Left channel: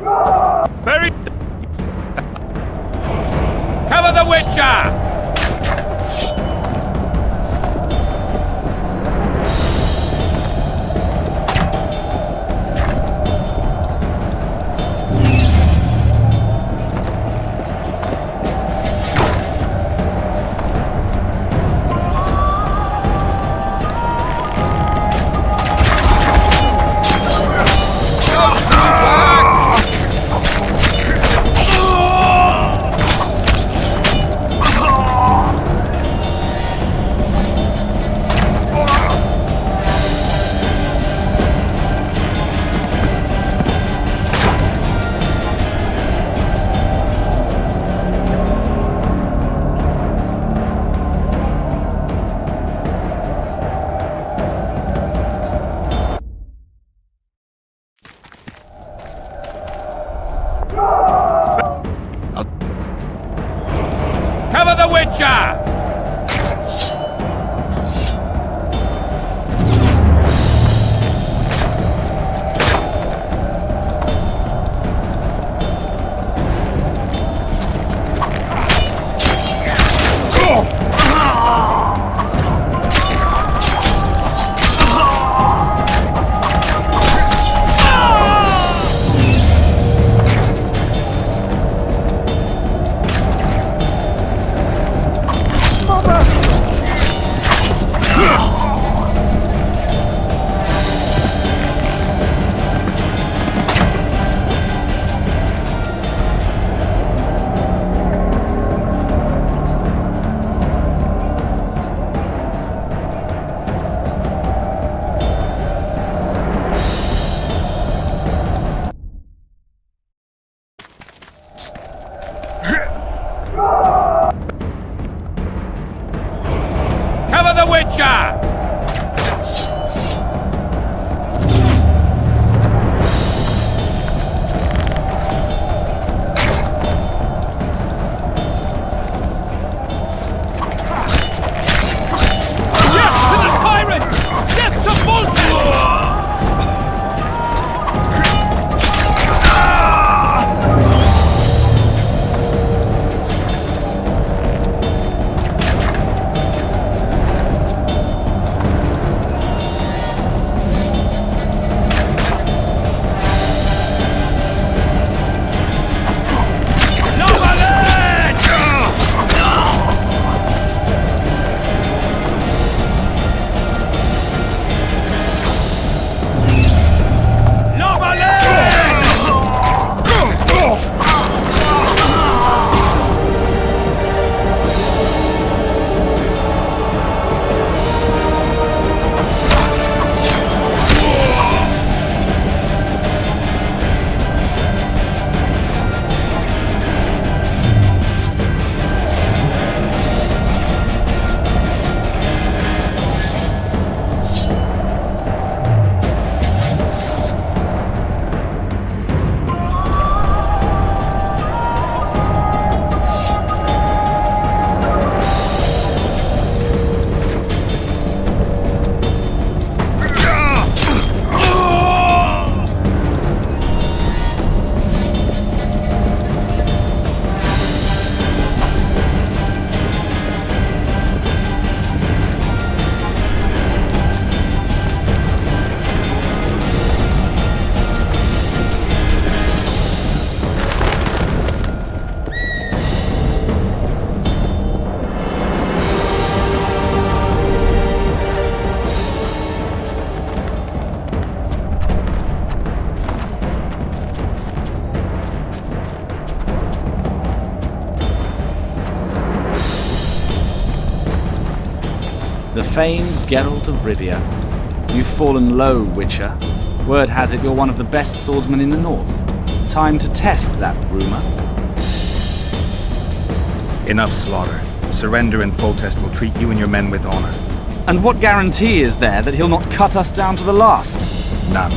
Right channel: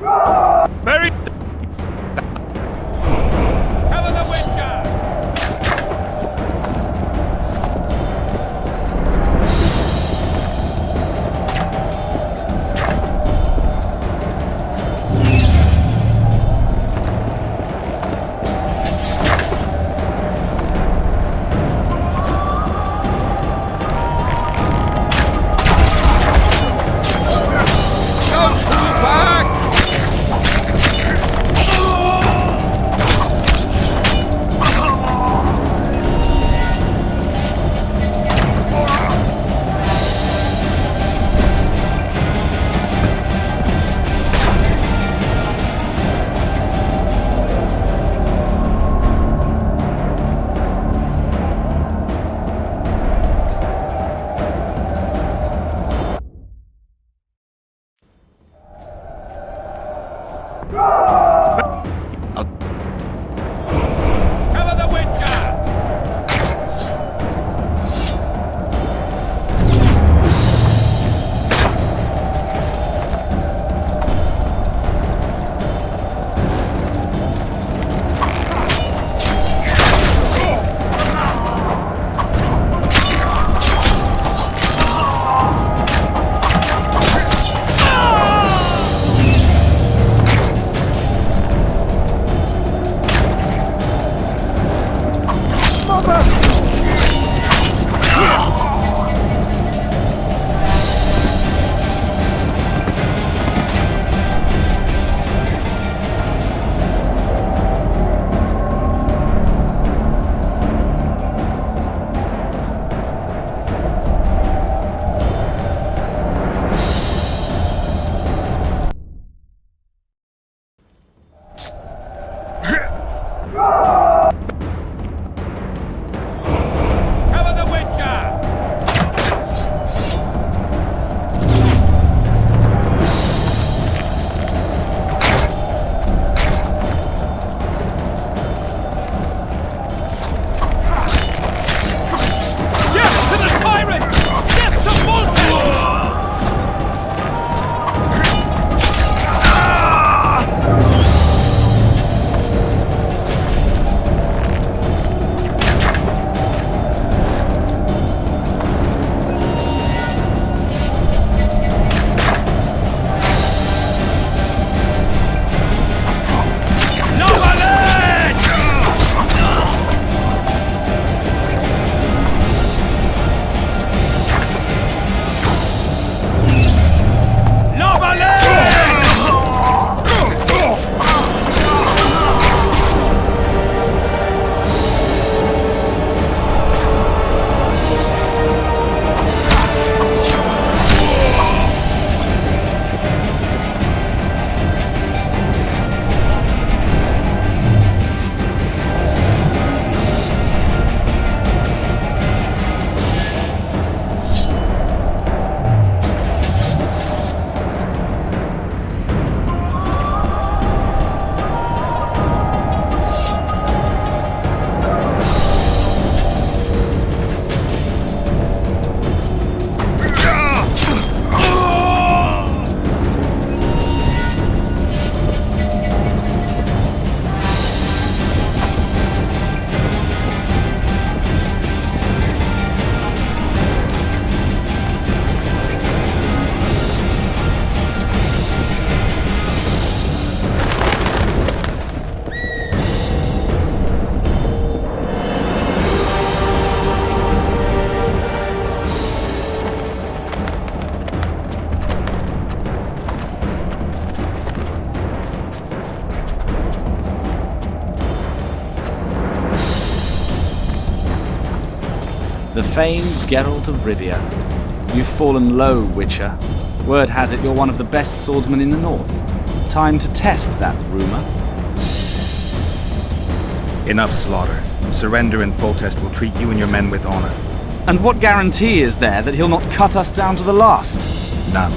Very... Cover the Witcher! Cover the Witcher! Cover the Witcher! Death to the tyrant! Death to Voltaire! The famed Geralt of Rivia. You've fallen low, Witcher. Word has it you're one of the best swordsmen in the north. Time to test that rumor. Enough slaughter. Surrender and Foltest will treat you and your men with honor. And what guarantee is there that he'll not cut us down to the last? None.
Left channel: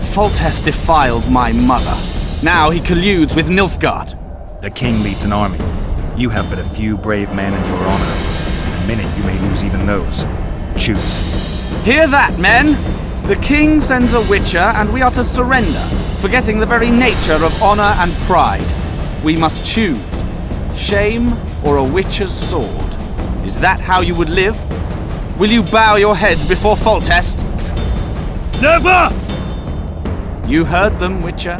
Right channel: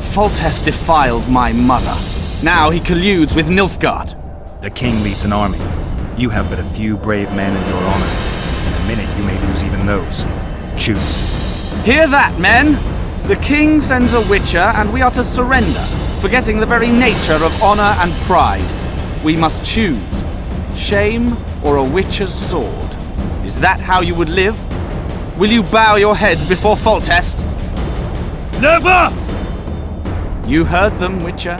Foltest defiled my mother. Now he colludes with Nilfgaard. The king leads an army. You have but a few brave men and your honor. In a minute you may lose even those. Choose. Hear that, men? The king sends a Witcher, and we are to surrender. forgetting the very nature of honor and pride. We must choose shame or a witcher's sword. Is that how you would live? Will you bow your heads before Foltest? Never! You heard them, Witcher.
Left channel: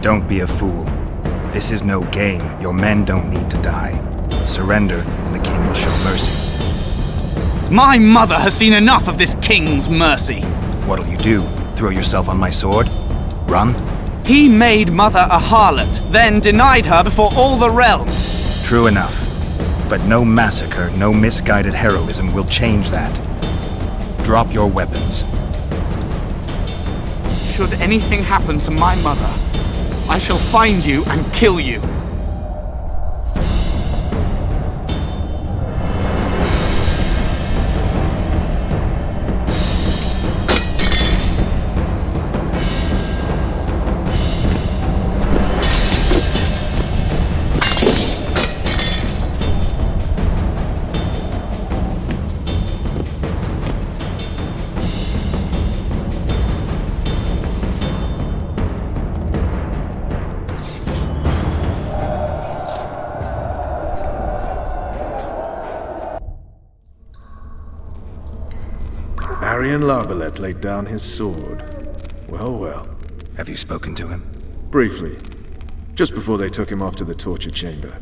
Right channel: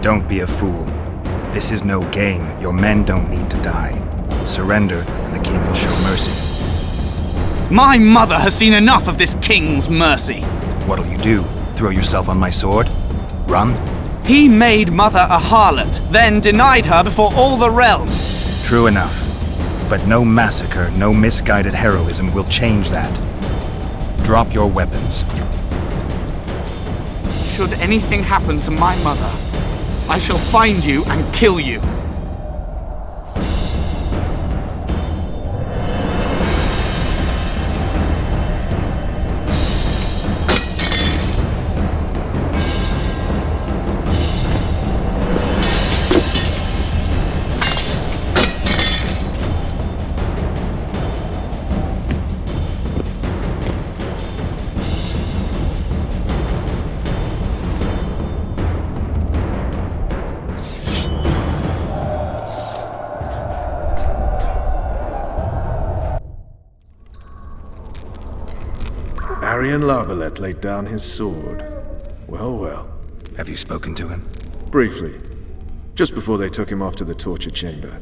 Don't be a fool. This is no game. Your men don't need to die. Surrender, and the king will show mercy. My mother has seen enough of this king's mercy. What'll you do? Throw yourself on my sword? Run? He made mother a harlot, then denied her before all the realm. True enough. But no massacre, no misguided heroism will change that. Drop your weapons. Should anything happen to my mother, I shall find you and kill you. Arian Lavalette laid down his sword. Well, well. Have you spoken to him? Briefly. Just before they took him off to the torture chamber.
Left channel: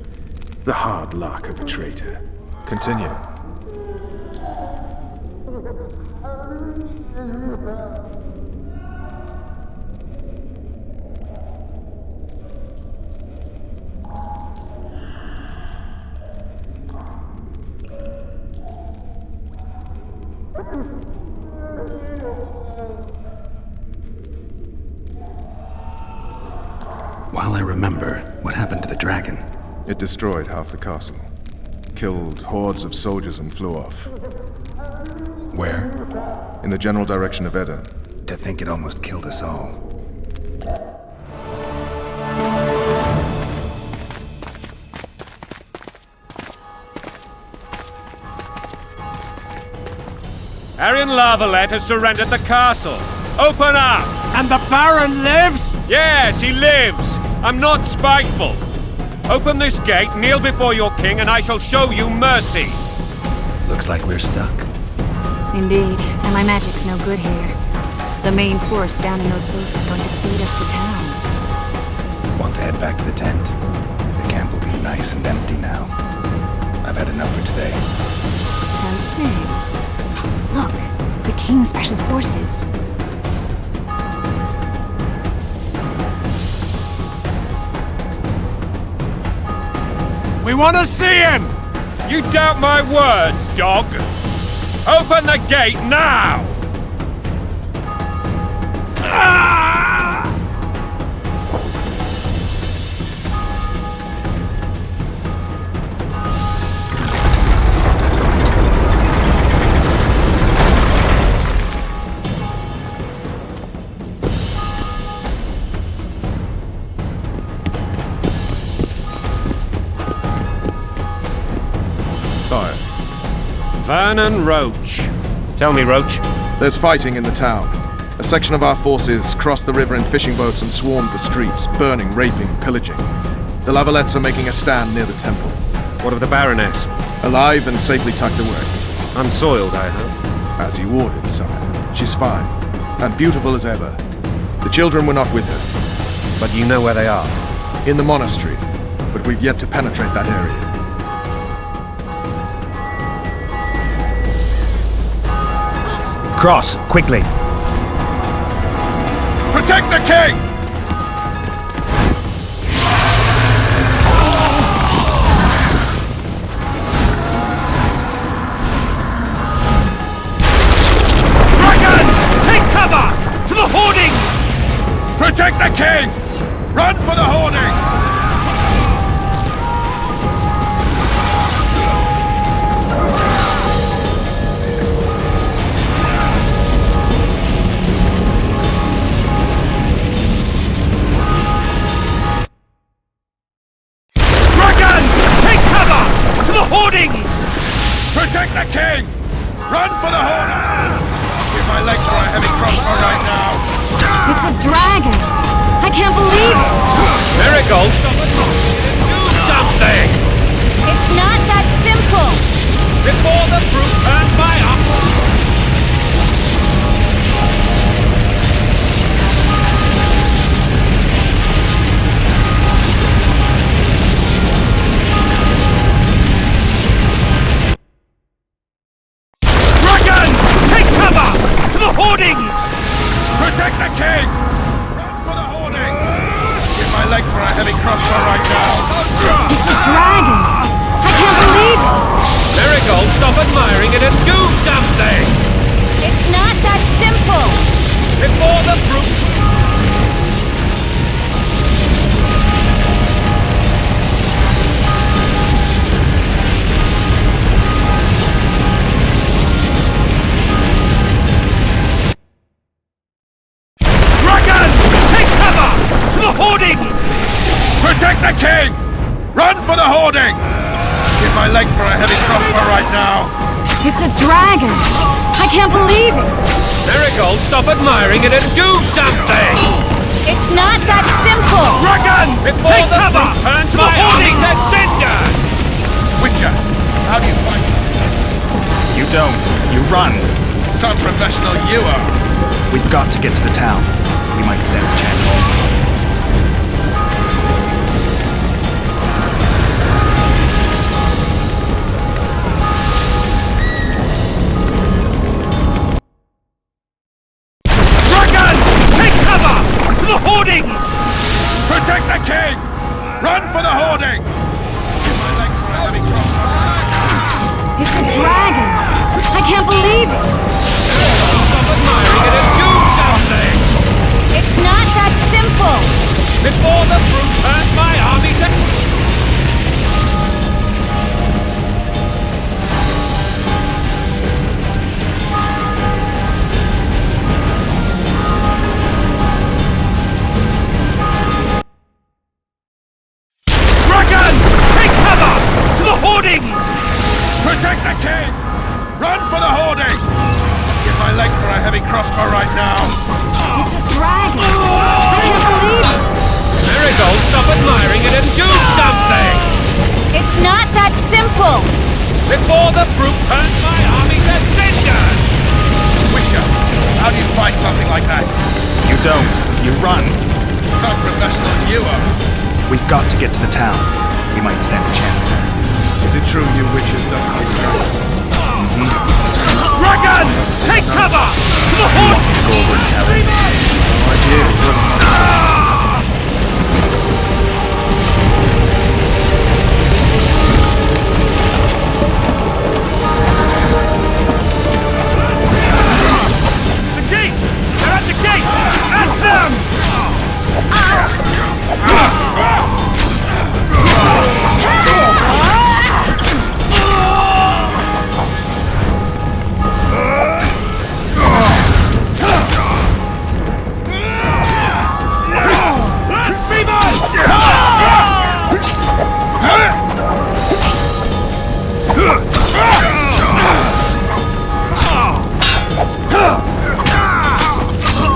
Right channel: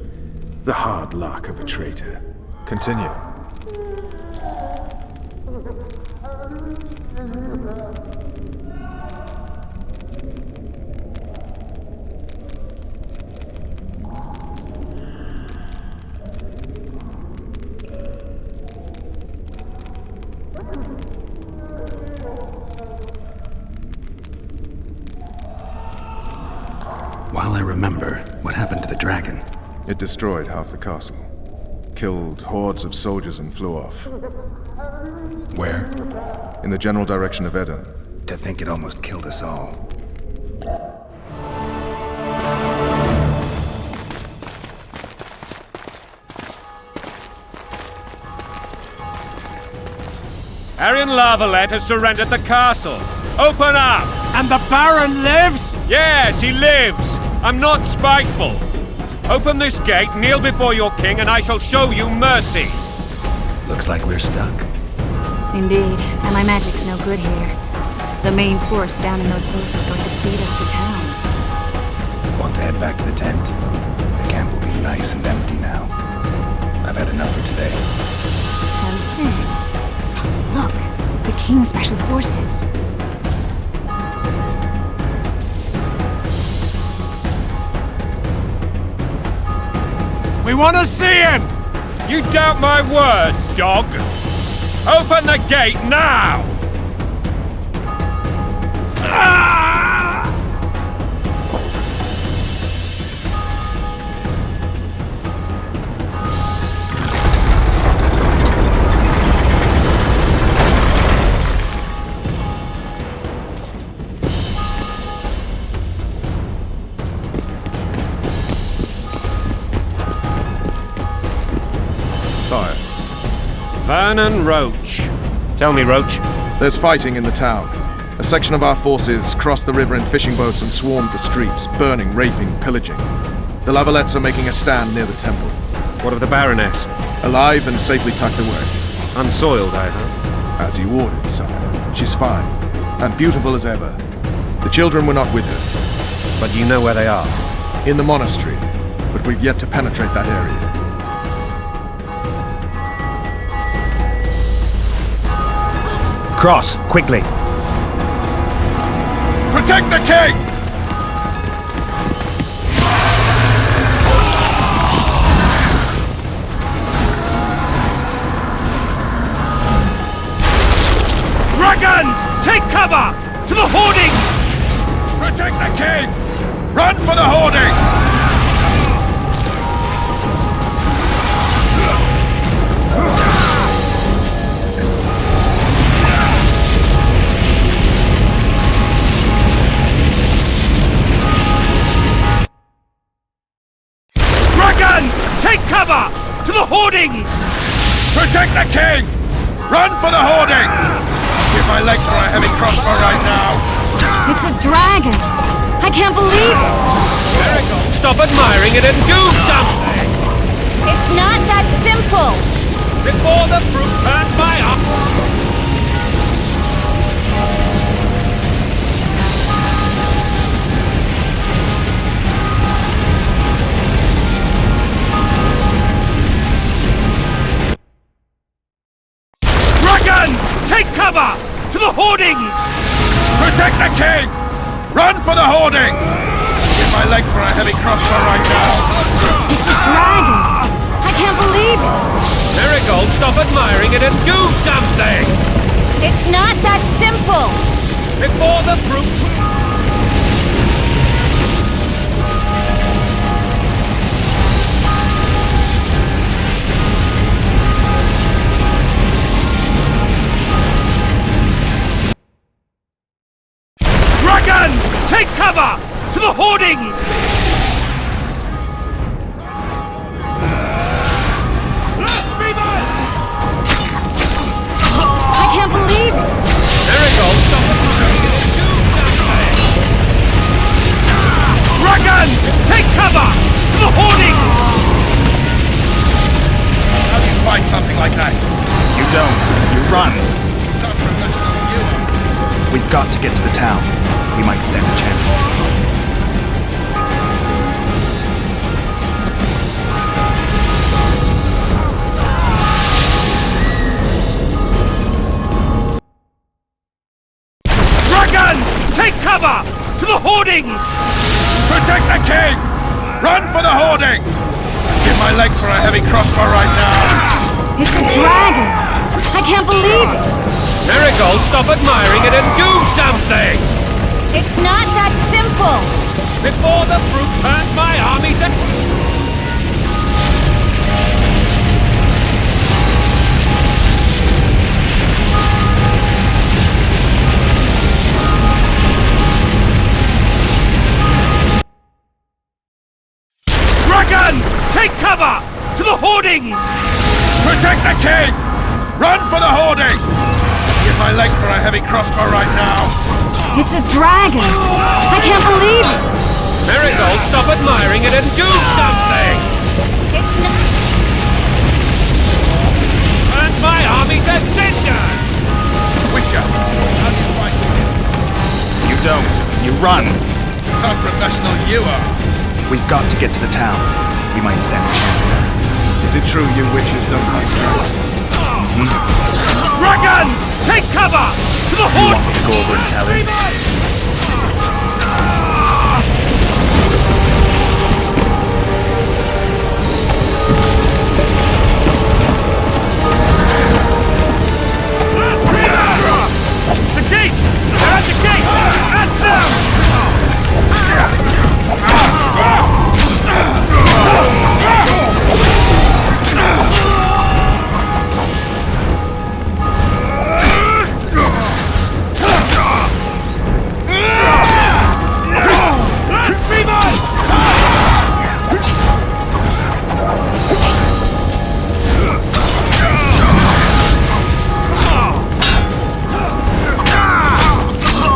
The hard luck of a traitor. Continue. While I remember, what happened to the dragon? It destroyed half the castle. Killed hordes of soldiers and flew off. Where? In the general direction of Edda. To think it almost killed us all. Arian Lavalette has surrendered the castle. Open up! And the Baron lives? Yes, he lives. I'm not spiteful. Open this gate, kneel before your king, and I shall show you mercy. Looks like we're stuck. Indeed, and my magic's no good here. The main force down in those boats is going to beat us to town. Want to head back to the tent? The camp will be nice and empty now. I've had enough for today. Tempting. Look, the King's Special Forces. We want to see him! You doubt my words, dog! Open the gate now! Sire, Vernon Roach. Tell me, Roach. there's fighting in the town. A section of our forces crossed the river in fishing boats and swarmed the streets, burning, raping, pillaging. The Lavalettes are making a stand near the temple. What of the Baroness? Alive and safely tucked away. Unsoiled, I hope. As you ordered, sire. She's fine. And beautiful as ever. The children were not with her. But you know where they are. In the monastery. But we've yet to penetrate that area. Cross, quickly! Protect the king! Dragon! Take cover! To the hoardings! Protect the king! Run for the hoarding! To the hoardings! Protect the king! Run for the hoarding! Give my legs for a heavy crossbow right now! It's a dragon! I can't believe it! Marigold, stop admiring it and do something! It's not that simple! Before the fruit turns my eye. Take cover! To the hoardings! Protect the king! Run for the hoarding! Give my leg for a heavy crossbow right now! It's a dragon! I can't believe it! Marigold, stop admiring it and do something! It's not that simple! Before the fruit... Take cover! To the hoardings! Protect the king! Run for the hoarding! Give my leg for a heavy crossbow right now! It's a dragon! I can't believe it! Marigold, stop admiring it and do something! It's not that simple! Dragon! Take cover! To the hoardings! Witcher, how do you fight something like that? You don't. You run. Some professional you are. We've got to get to the town. We might stand a chance. Dragon! Take cover! To the hoardings! Protect the king! Run for the hoarding! Give my leg for a heavy crossbow right now! It's a dragon! I can't believe it! Marigold, stop admiring it and do something! It's not that simple! Before the fruit turns my army to... Dragon! Take cover! To the hoardings! Protect the king! Run for the hoarding! Give my leg for a heavy crossbow right now! It's a dragon! I can't believe it! Marigold, stop admiring it and do something! It's not that simple! Before the fruit turns my army to cinder! Witcher, how do you fight something like that? You don't. You run. Some professional you are. We've got to get to the town. We might stand a chance there. Is it true you witches don't hunt dragons? Dragon! Take cover! To the You hoard... want me to go over and tell him? The gate! They're at the gate! At them!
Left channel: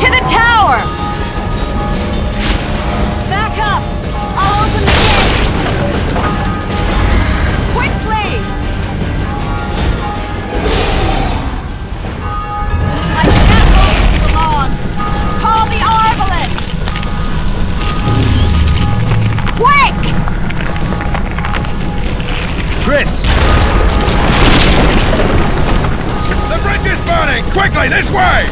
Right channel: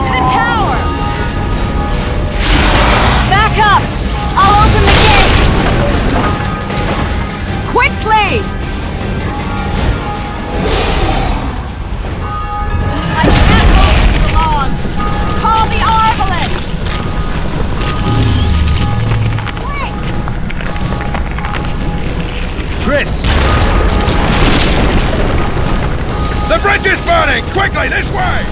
To the tower! Back up! I'll open the gate! Quickly! I can't hold this long! Call the arbalists! Quick! Triss! The bridge is burning! Quickly, this way!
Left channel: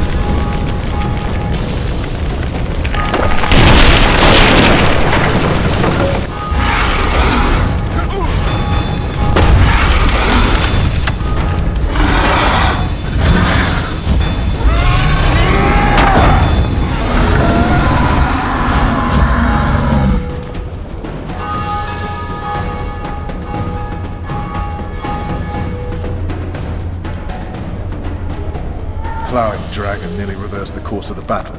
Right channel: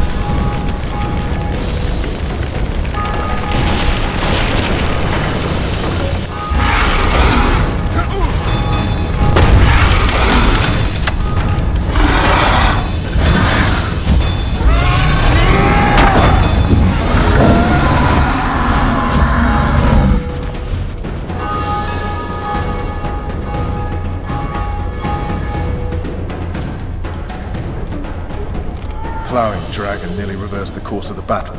Plowing dragon nearly reversed the course of the battle.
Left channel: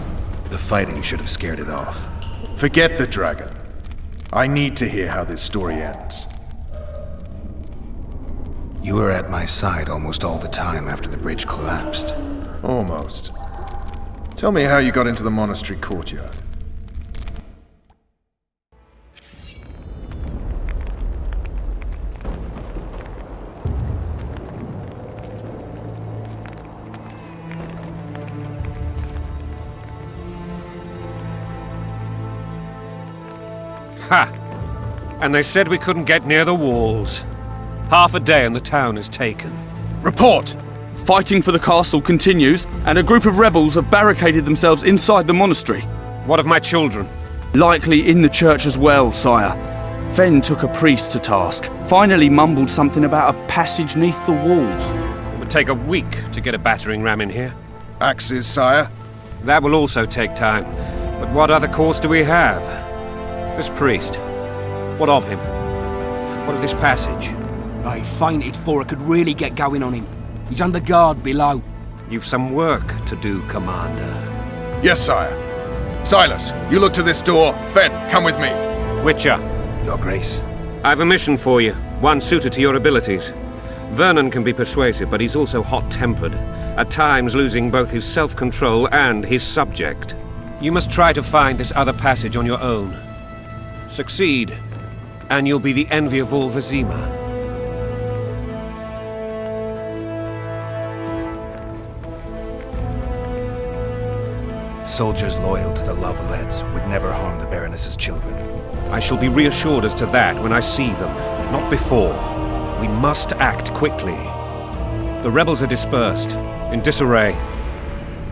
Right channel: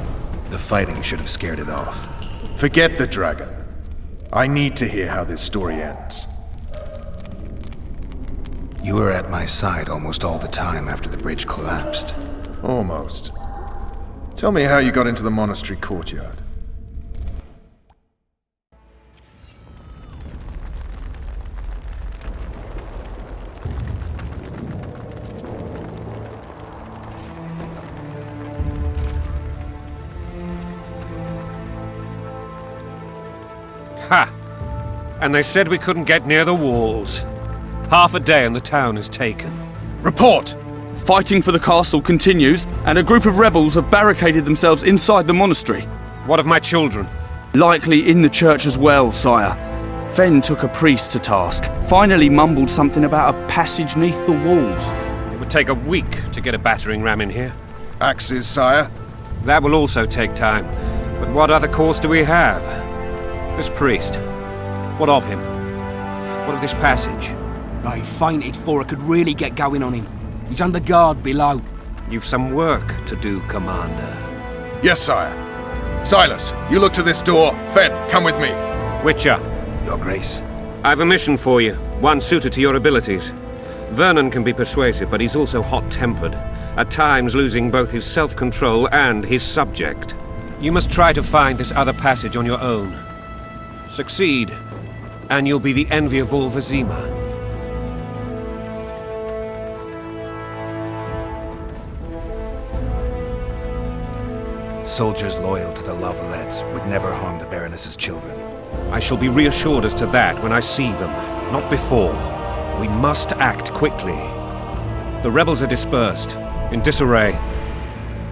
The fighting should have scared it off. Forget the dragon. I need to hear how this story ends. You were at my side almost all the time after the bridge collapsed. Almost. Tell me how you got into the monastery courtyard. Ha! And they said we couldn't get near the walls. Half a day and the town is taken. Report! Fighting for the castle continues, and a group of rebels have barricaded themselves inside the monastery. What of my children? Likely in the church as well, sire. Fen took a priest to task, finally mumbled something about a passage neath the walls. It would take a week to get a battering ram in here. Axes, sire? That will also take time. But what other course do we have? This priest. What of him? What of this passage? I fainted before I could really get going on him. He's under guard below. You've some work to do, Commander. Yes, sire. Silas, you look to this door. Fen, come with me. Witcher, Your Grace. I've a mission for you, one suited to your abilities. Vernon can be persuasive, but he's also hot-tempered, at times losing both his self-control and his subject. You must try to find this other passage on your own. Succeed, and you'll be the envy of all Vizima. Soldiers loyal to the Lavalettes would never harm the Baroness's children. I shall be reassured as to that when I see them, not before. We must act quickly. The rebels are dispersed, in disarray.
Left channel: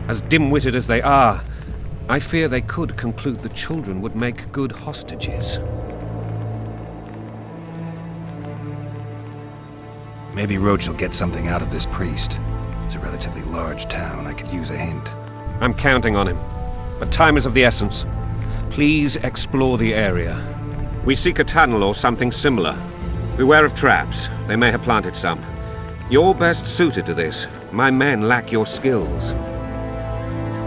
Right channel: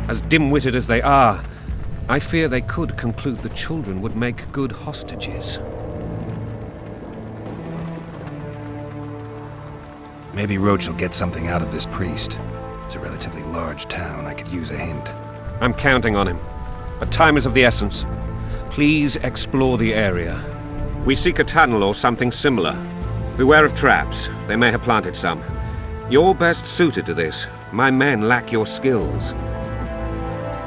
As dim-witted as they are, I fear they could conclude the children would make good hostages. Maybe Roach will get something out of this priest. It's a relatively large town. I could use a hint. I'm counting on him, but time is of the essence. Please explore the area. We seek a tunnel or something similar. Beware of traps. They may have planted some. You're best suited to this. My men lack your skills.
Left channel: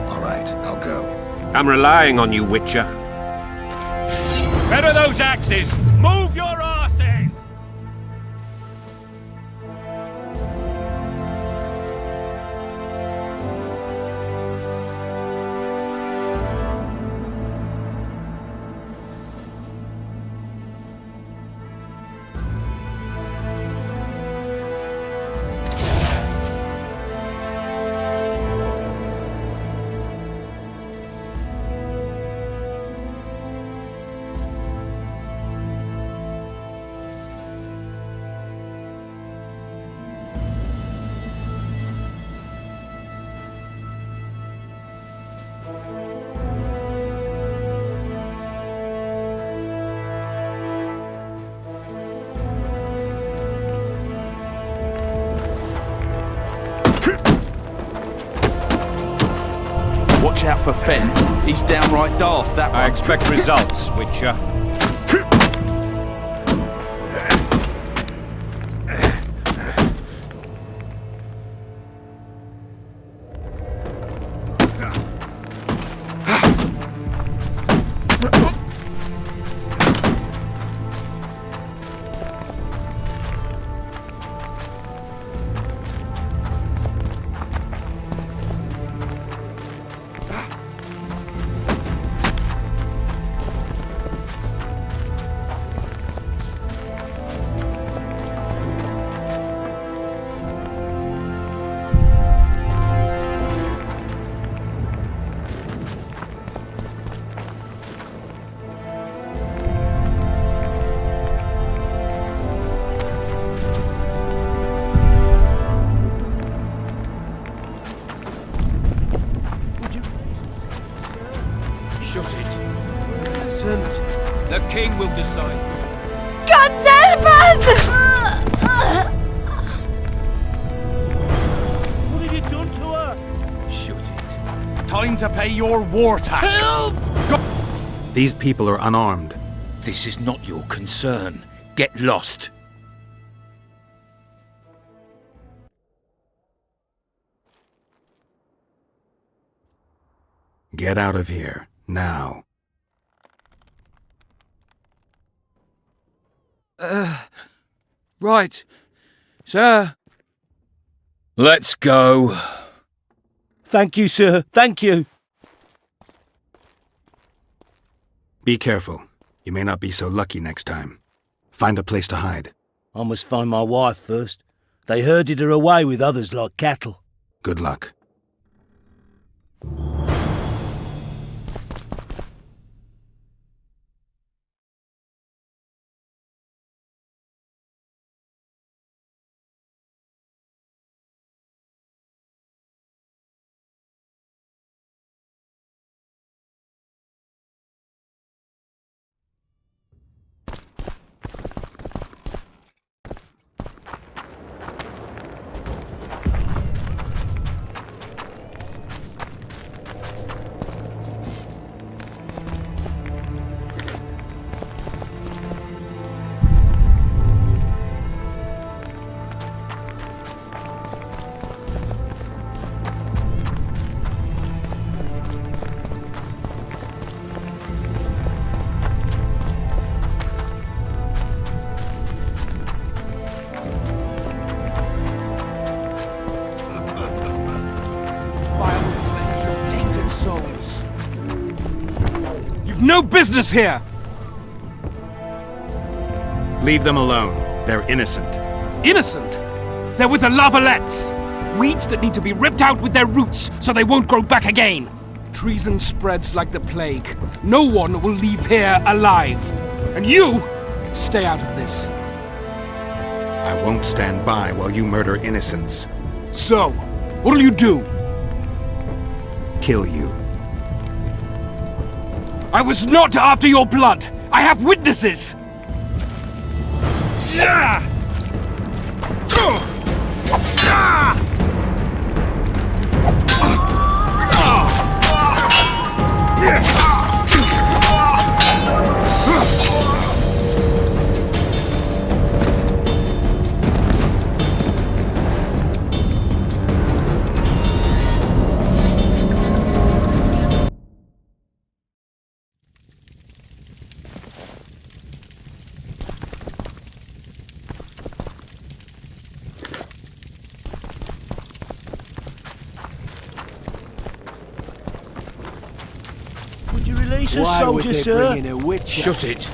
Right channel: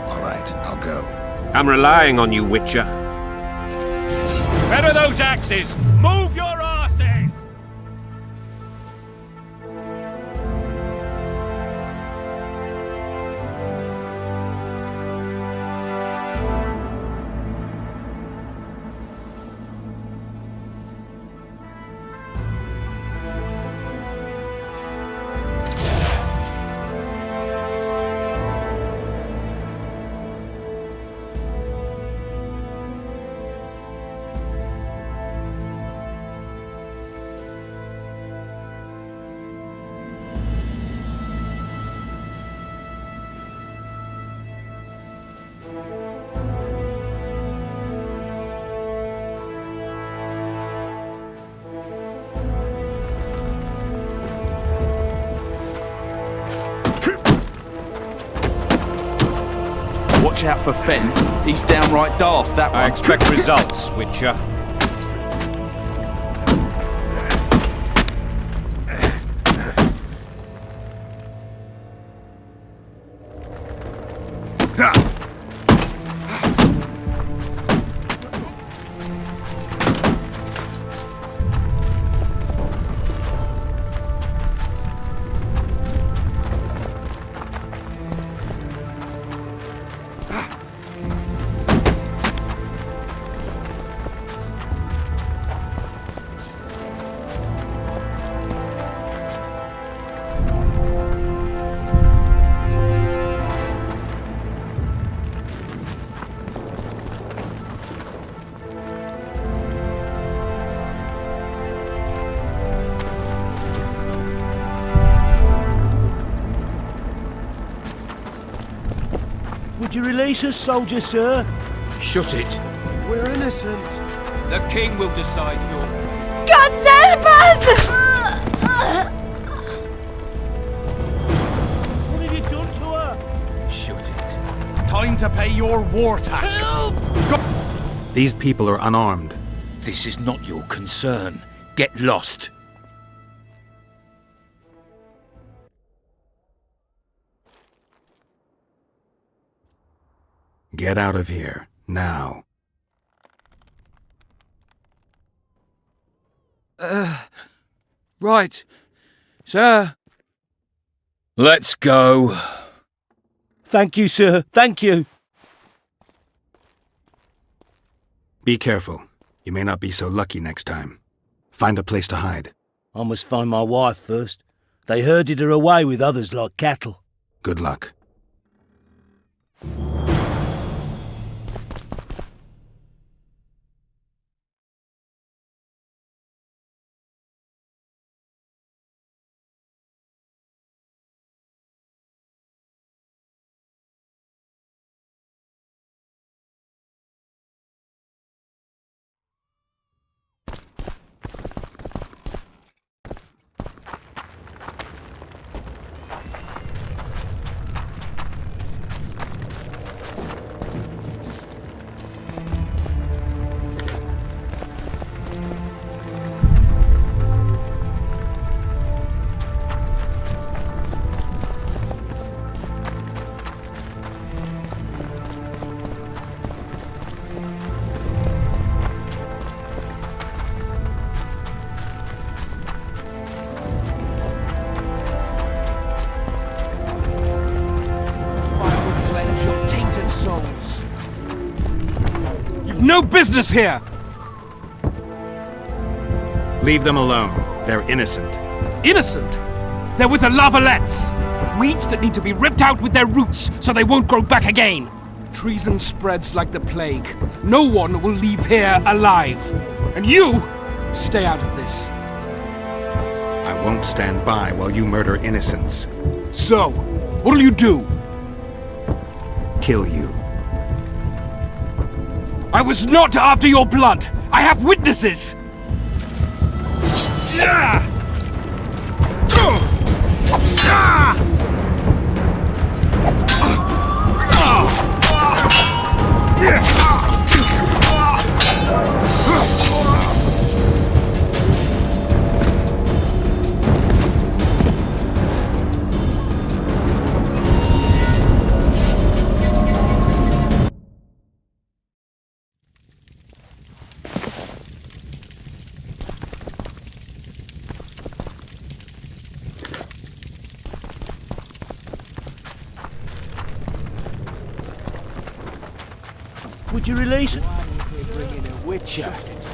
All right, I'll go. I'm relying on you, Witcher. Where are those axes? Move your arses! Watch out for Fen. He's downright daft, that one. I expect results, Witcher. Would you release us, soldier, sir? Shut it. We're innocent. The king will decide your... God help us! What have you done to her? Shut it. Time to pay your war tax. These people are unarmed. This is not your concern. Get lost. Get out of here, now. Right. Sir. Let's go. Thank you, sir. Thank you. Be careful. You may not be so lucky next time. Find a place to hide. I must find my wife first. They herded her away with others like cattle. Good luck. No business here! Leave them alone. They're innocent. Innocent? They're with the Lavalettes! Weeds that need to be ripped out with their roots so they won't grow back again. Treason spreads like the plague. No one will leave here alive. And you, stay out of this. I won't stand by while you murder innocents. So, what'll you do? Kill you. I was not after your blood! I have witnesses! Yeah! Would you release us, Why would soldier, they sir? bring in a witch? Shut it.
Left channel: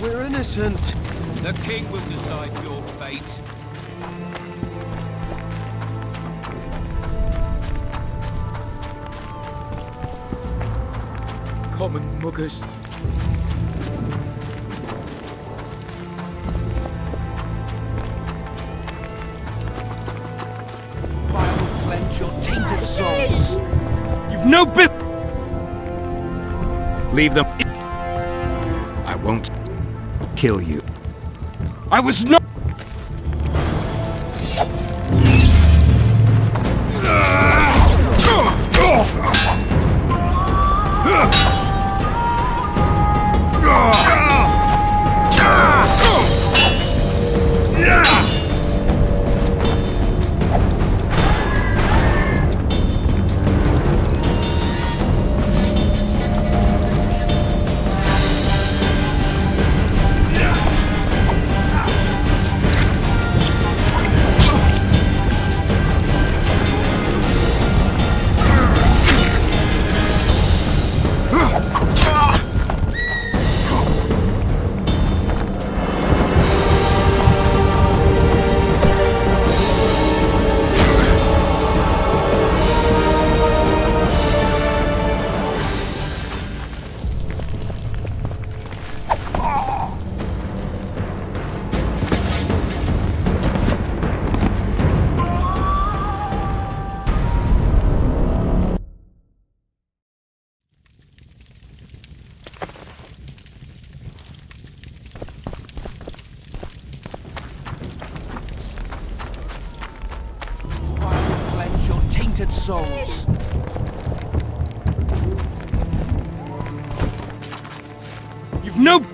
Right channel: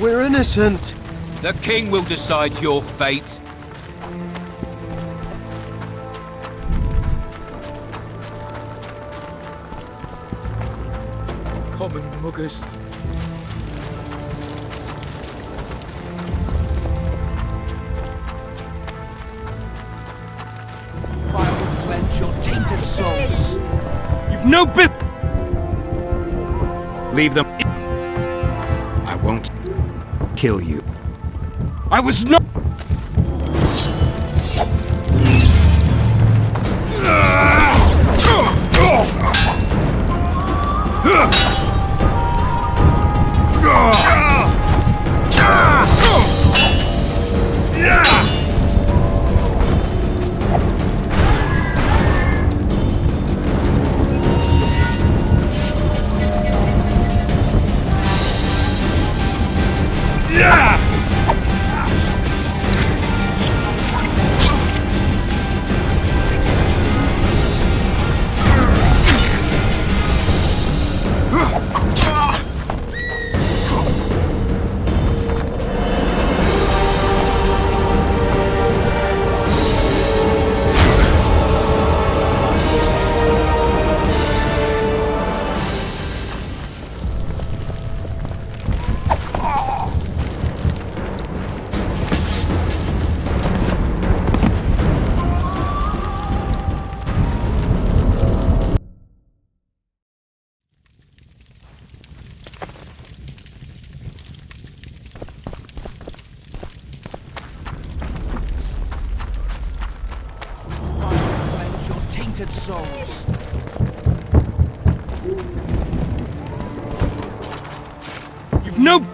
We're innocent. The king will decide your fate. Common muggers. Fire will cleanse your tainted souls. You've no business. Leave them. I won't kill you. I was not. Tainted souls. You've no.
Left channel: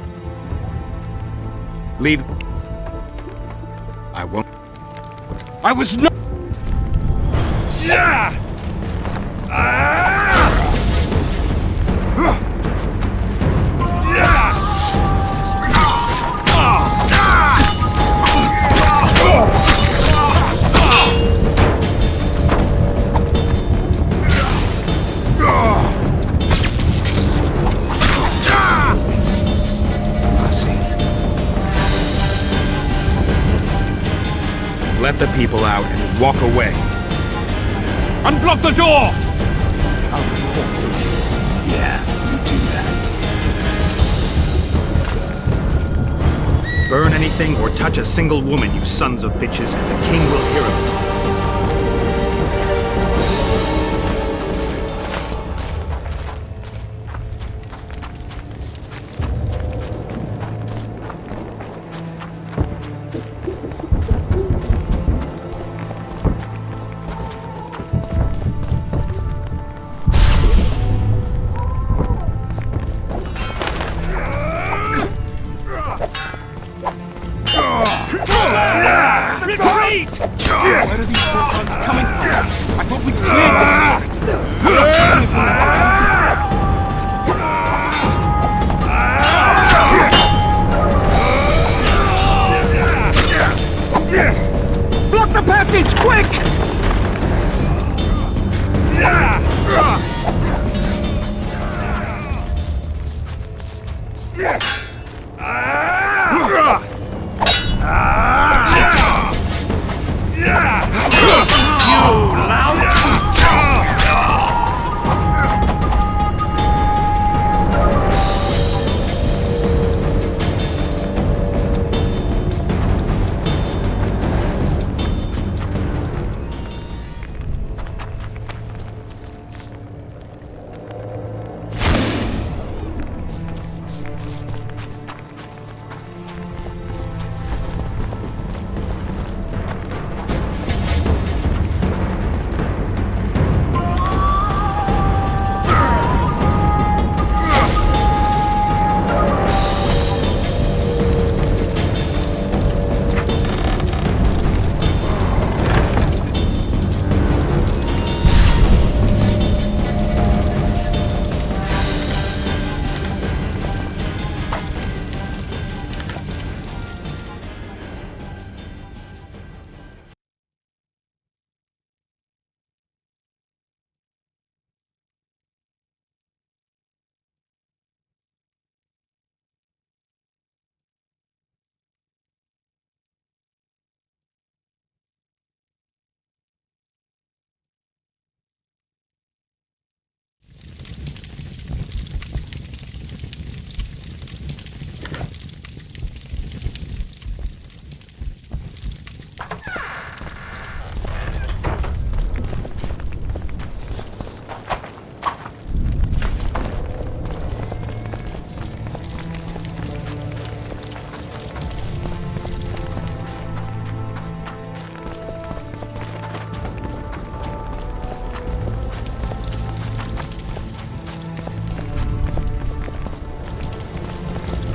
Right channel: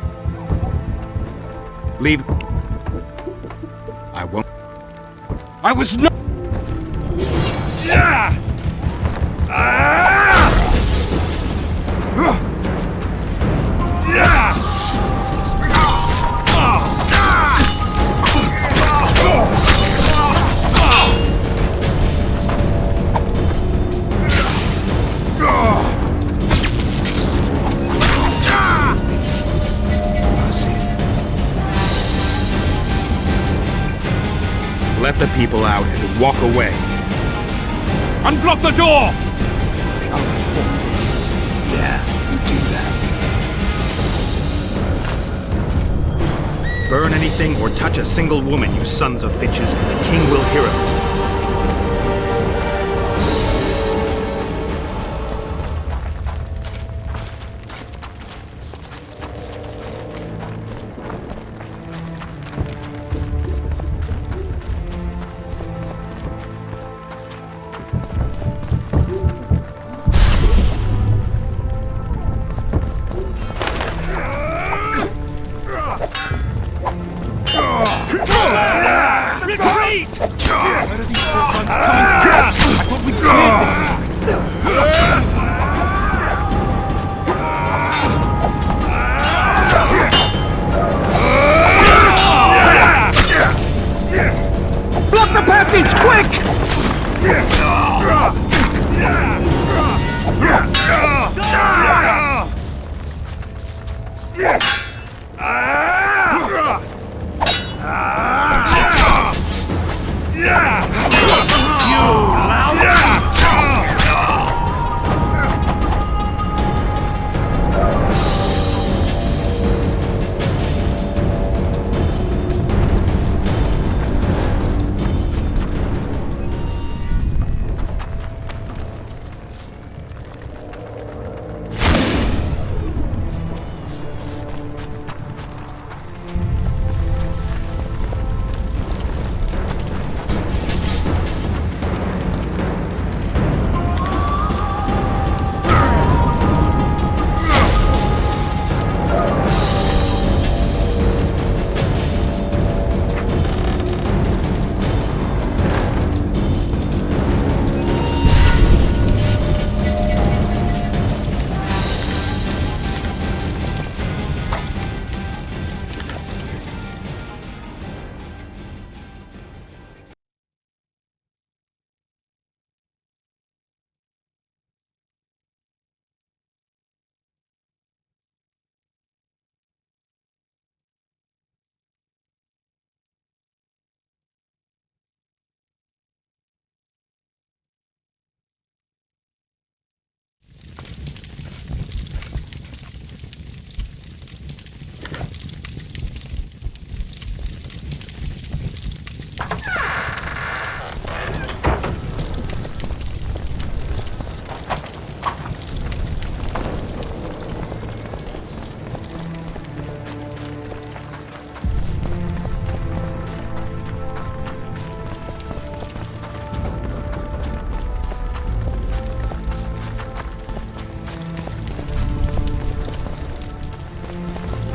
Leave. I won't. I was not. Yeah! Let the people out and walk away. Unblock the door! I'll report this. Yeah, you do that. Burn anything or touch a single woman, you sons of bitches, and the king will hear of it. Retreat! Where are these ones coming from? I thought we cleared this. Block the passage, quick!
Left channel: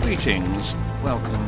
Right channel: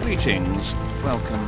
Greetings. Welcome.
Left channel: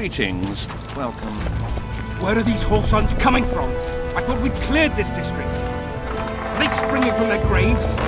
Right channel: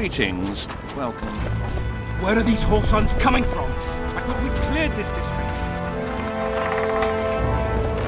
Greetings. Welcome. Where are these whoresons coming from? I thought we'd cleared this district. Are they springing from their graves?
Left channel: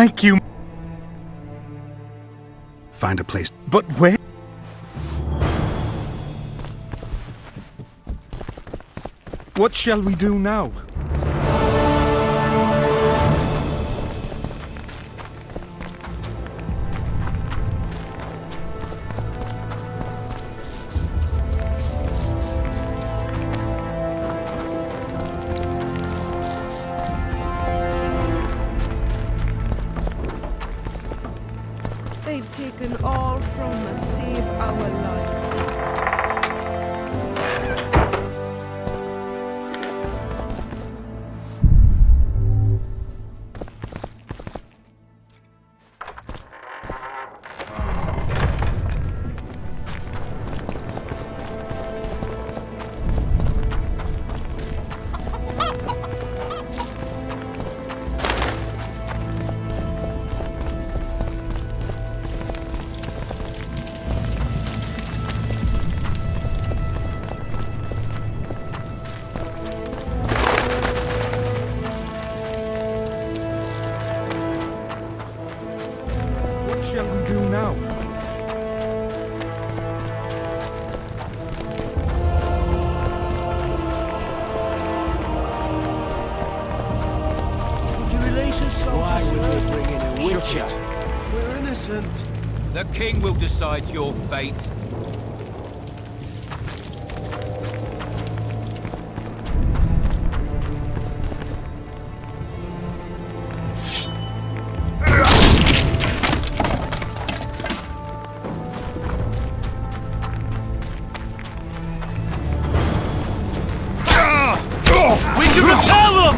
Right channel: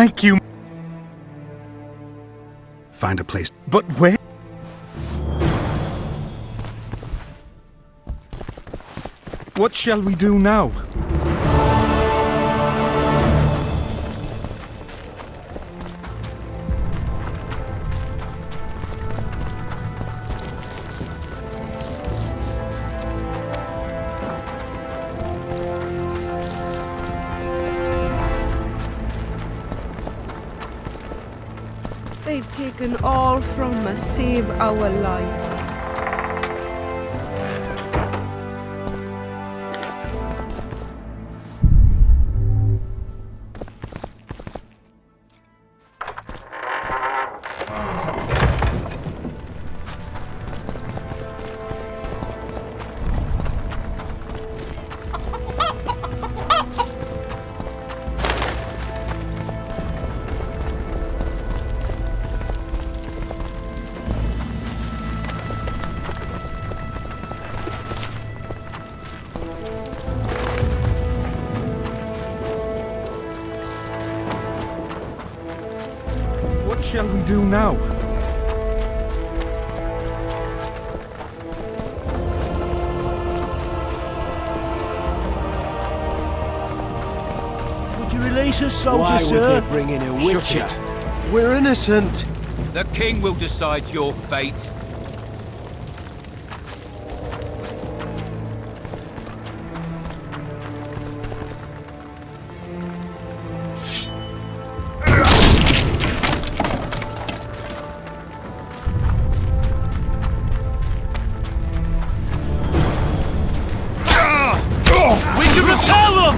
Thank you. Find a place. But where? What shall we do now? They've taken all from us, save our lives. What shall we do now? Would you release us, soldier, Why sir? would they bring in a witcher? We're innocent. The king will decide your fate. We can repel them!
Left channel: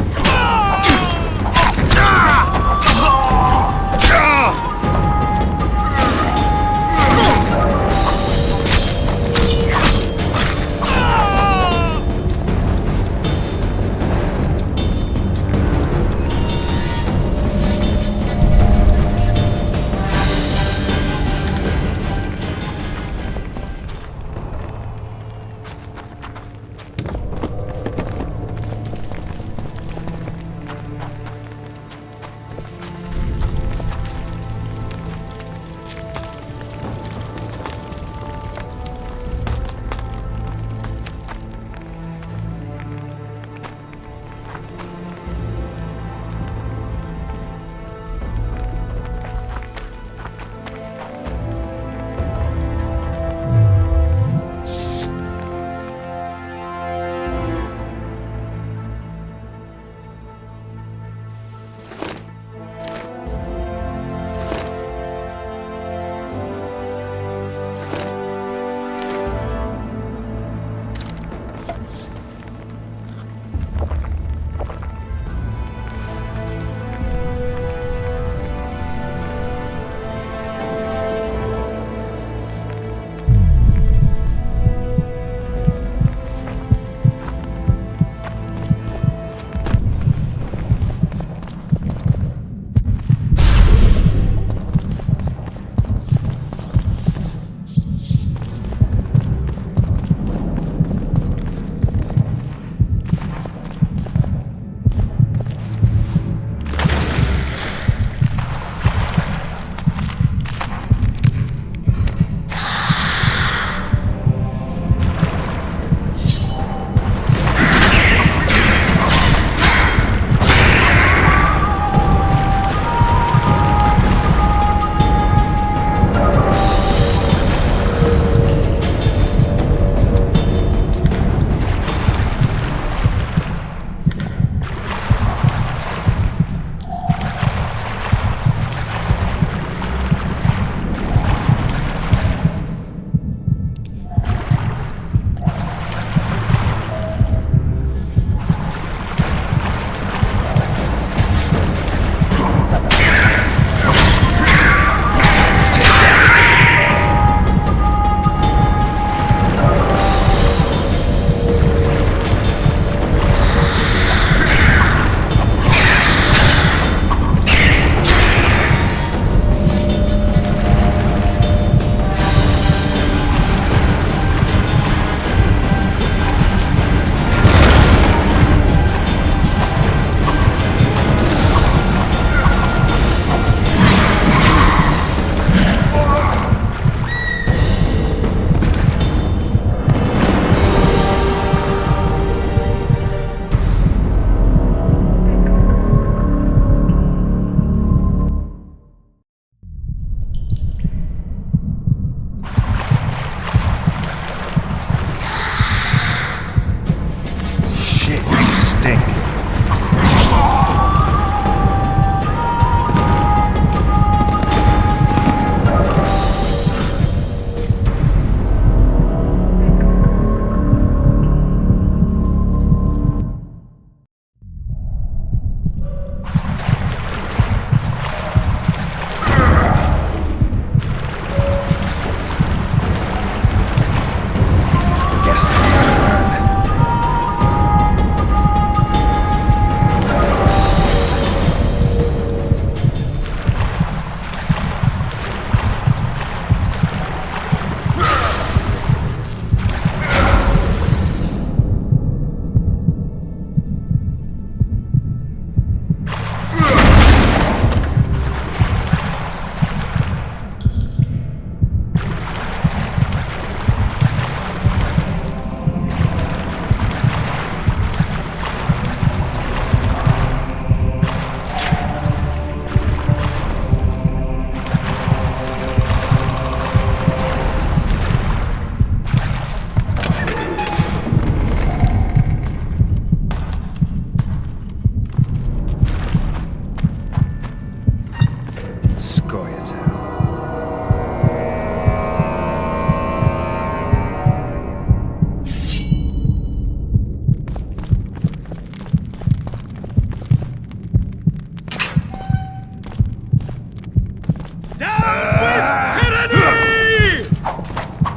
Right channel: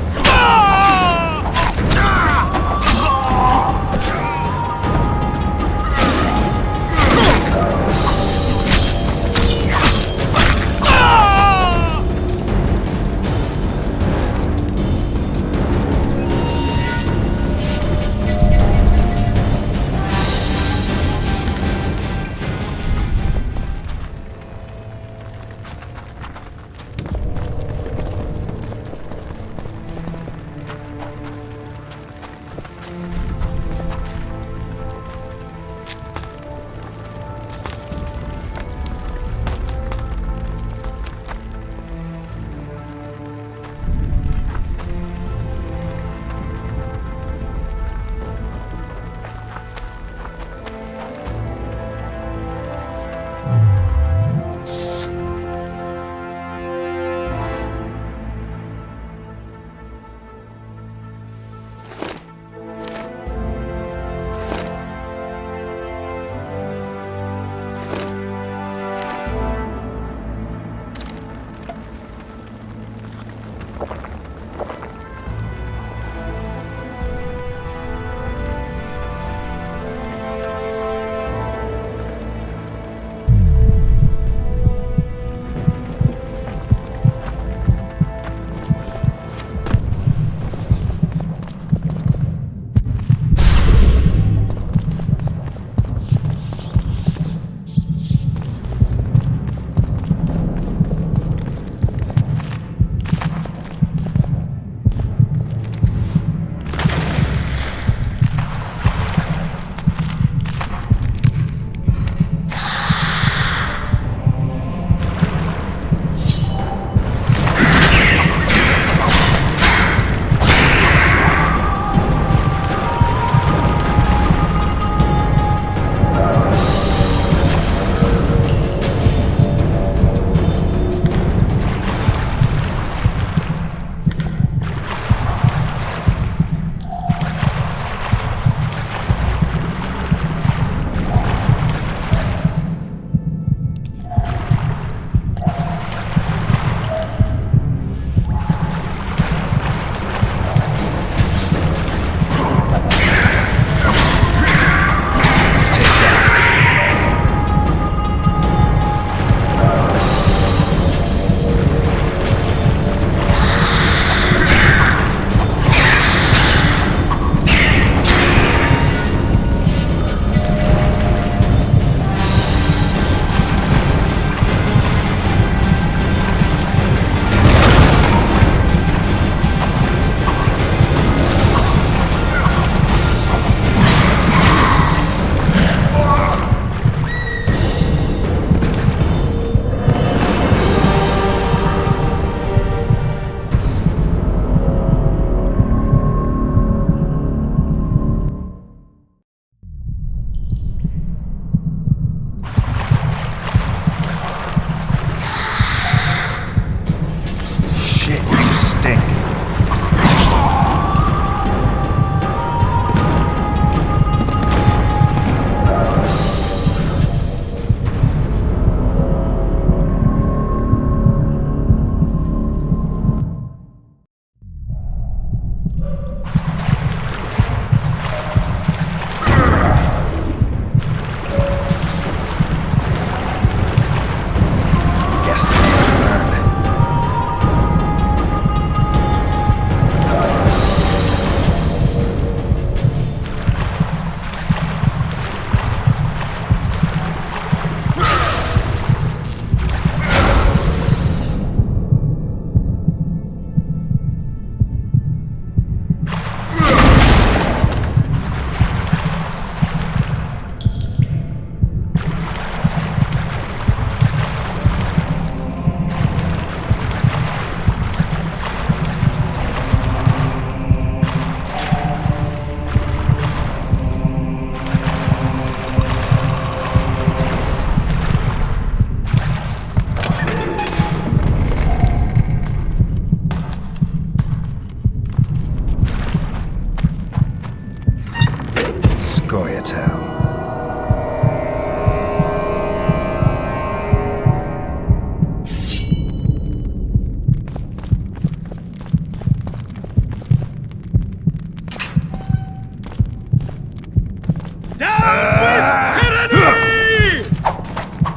Goyatel.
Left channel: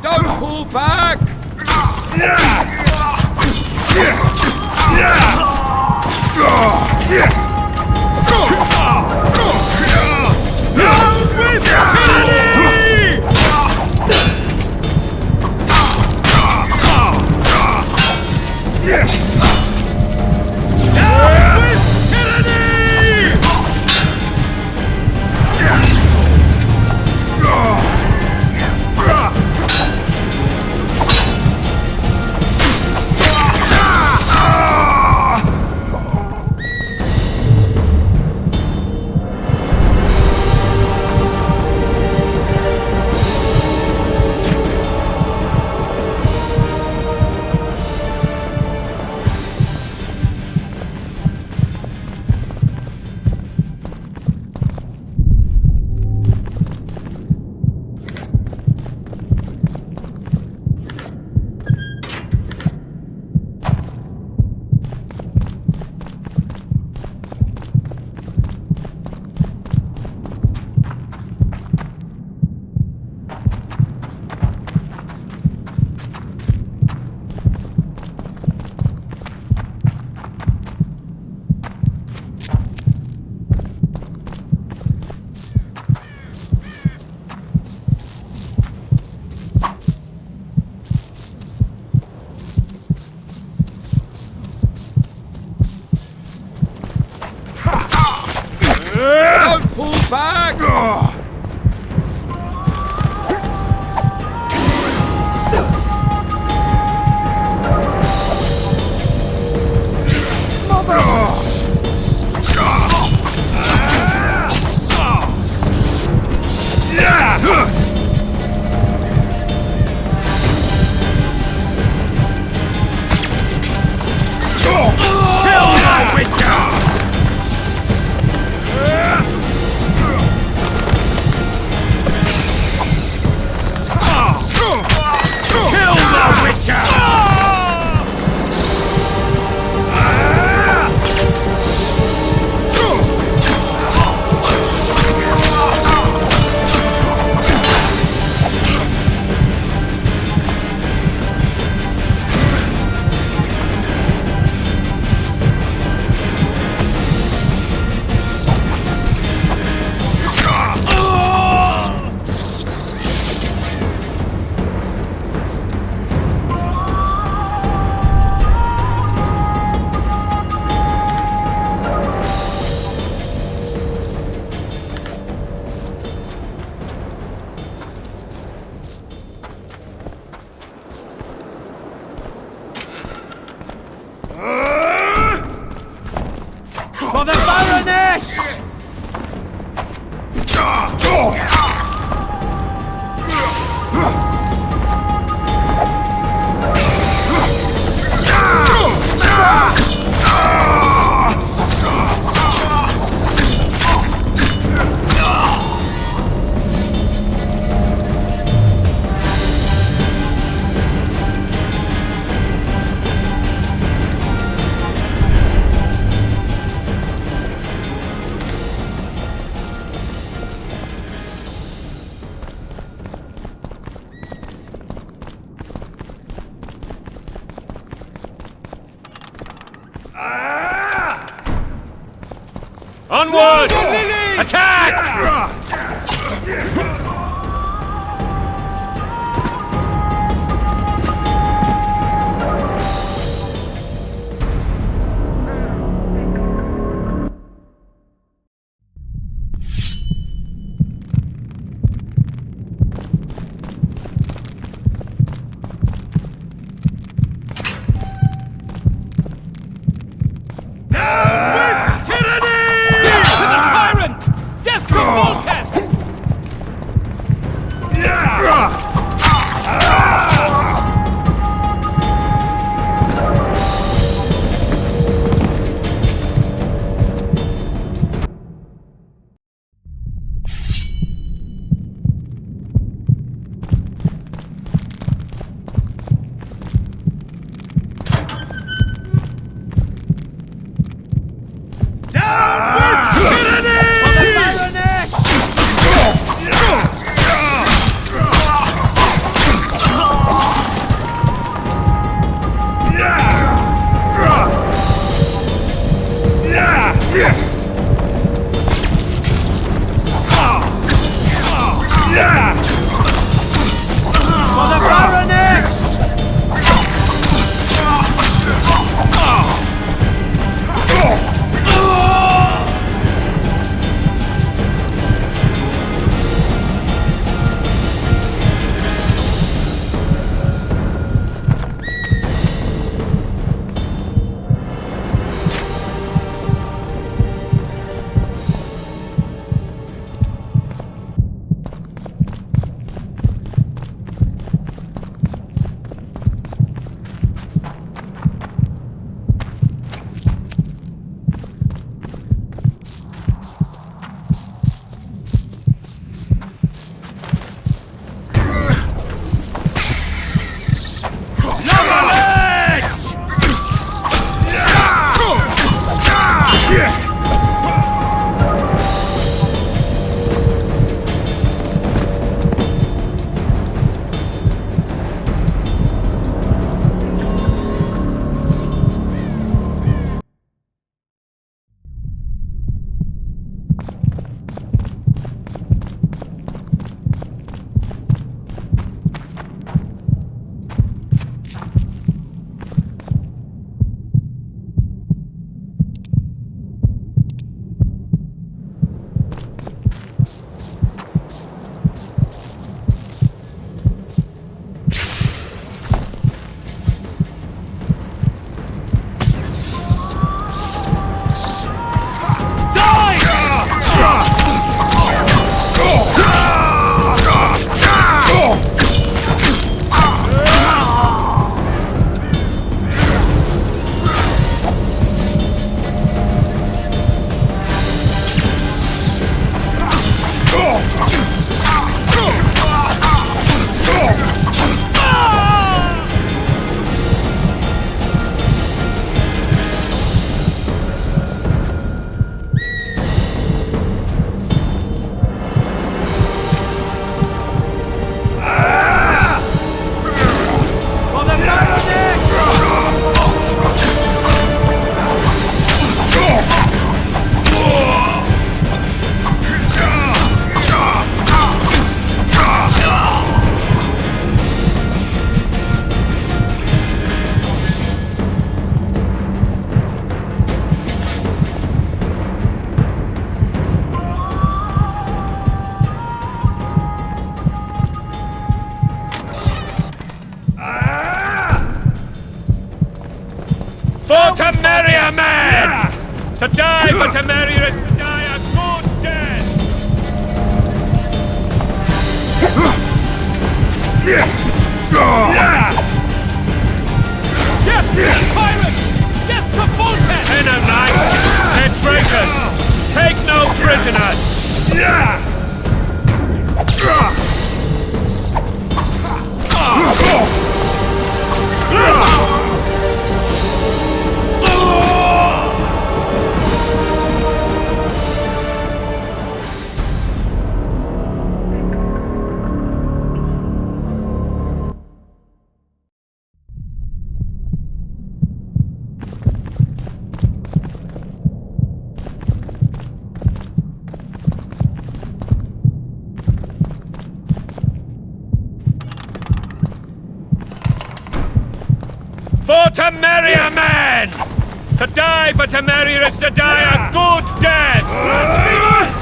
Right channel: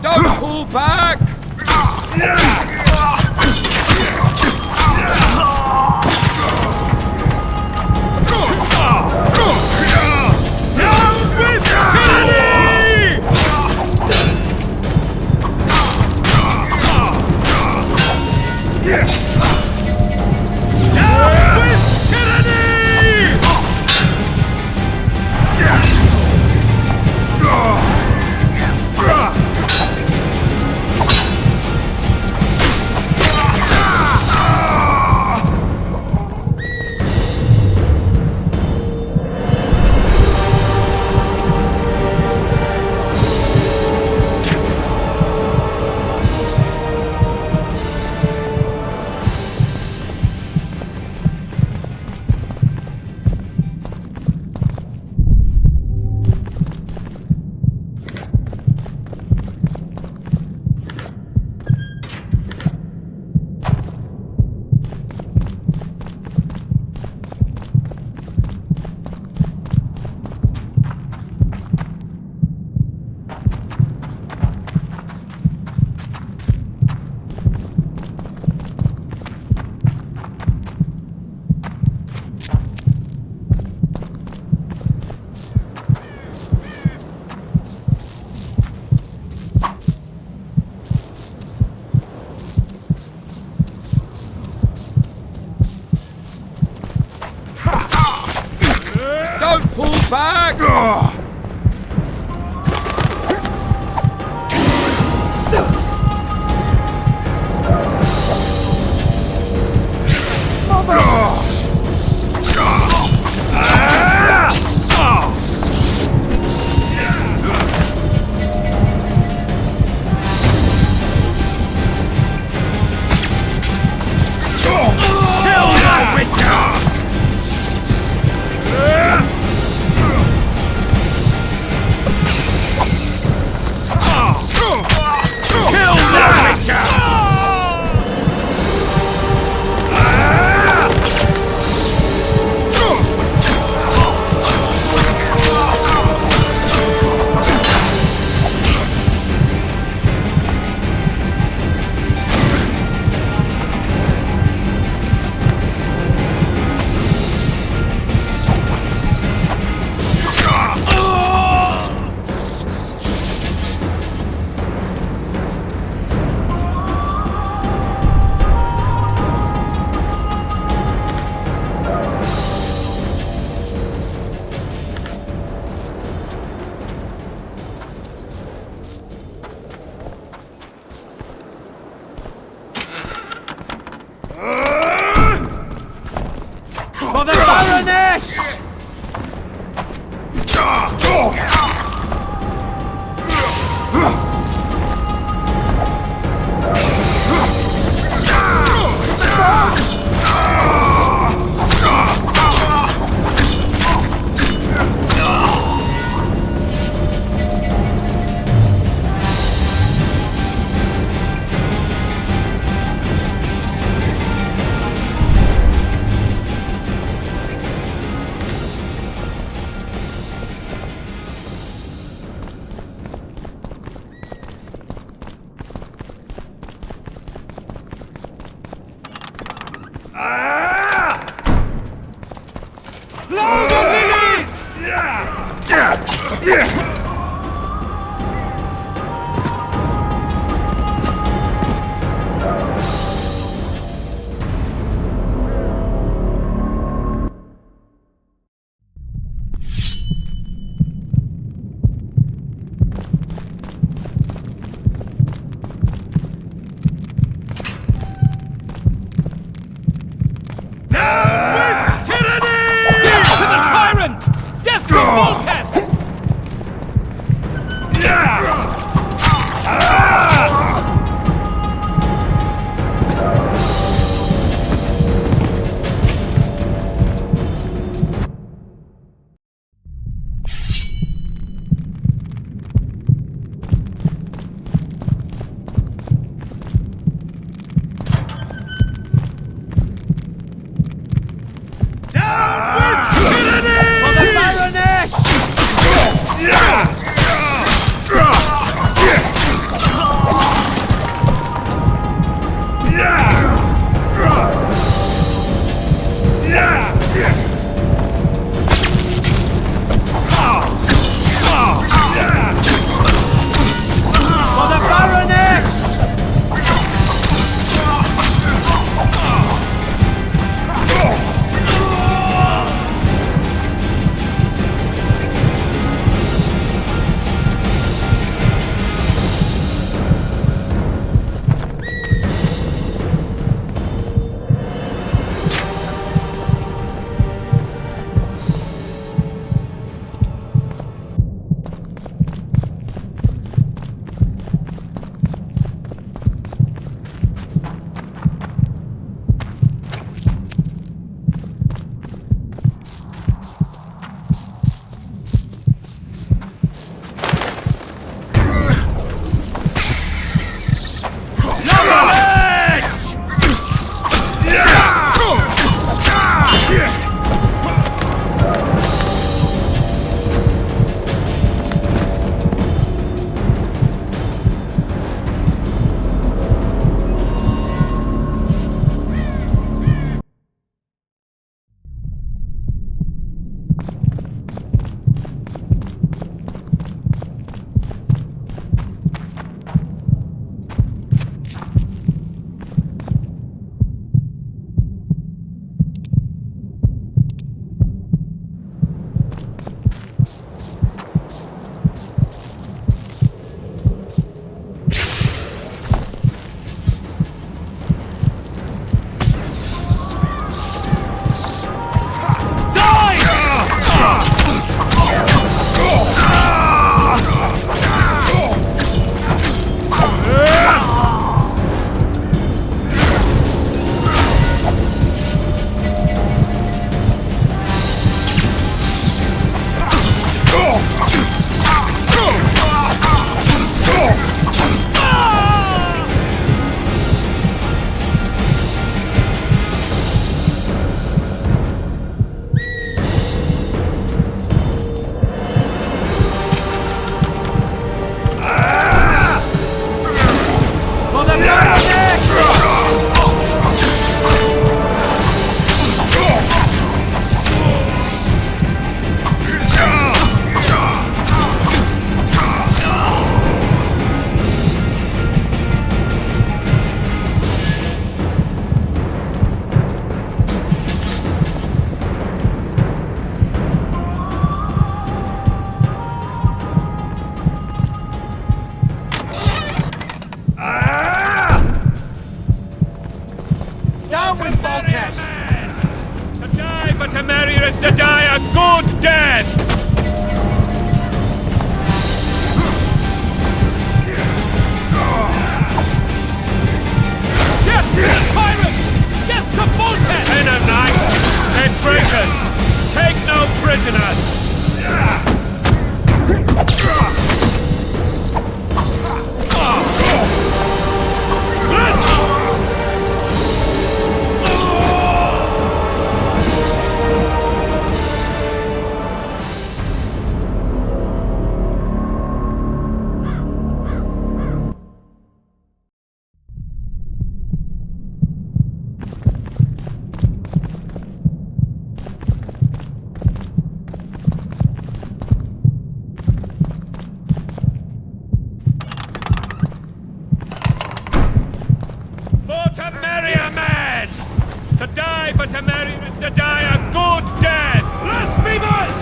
Don't pull back! Don't pull back! For the Baroness! Onward! Attack! Down with! Death to Volcas! To die for Temeria is to die a good death! Yes, to the pirates! Yes, to Voltaire! Enno Knights! They're traitors! Take no prisoners! For Temeria, man! To die for Temeria is to die a good death! Blasphemous!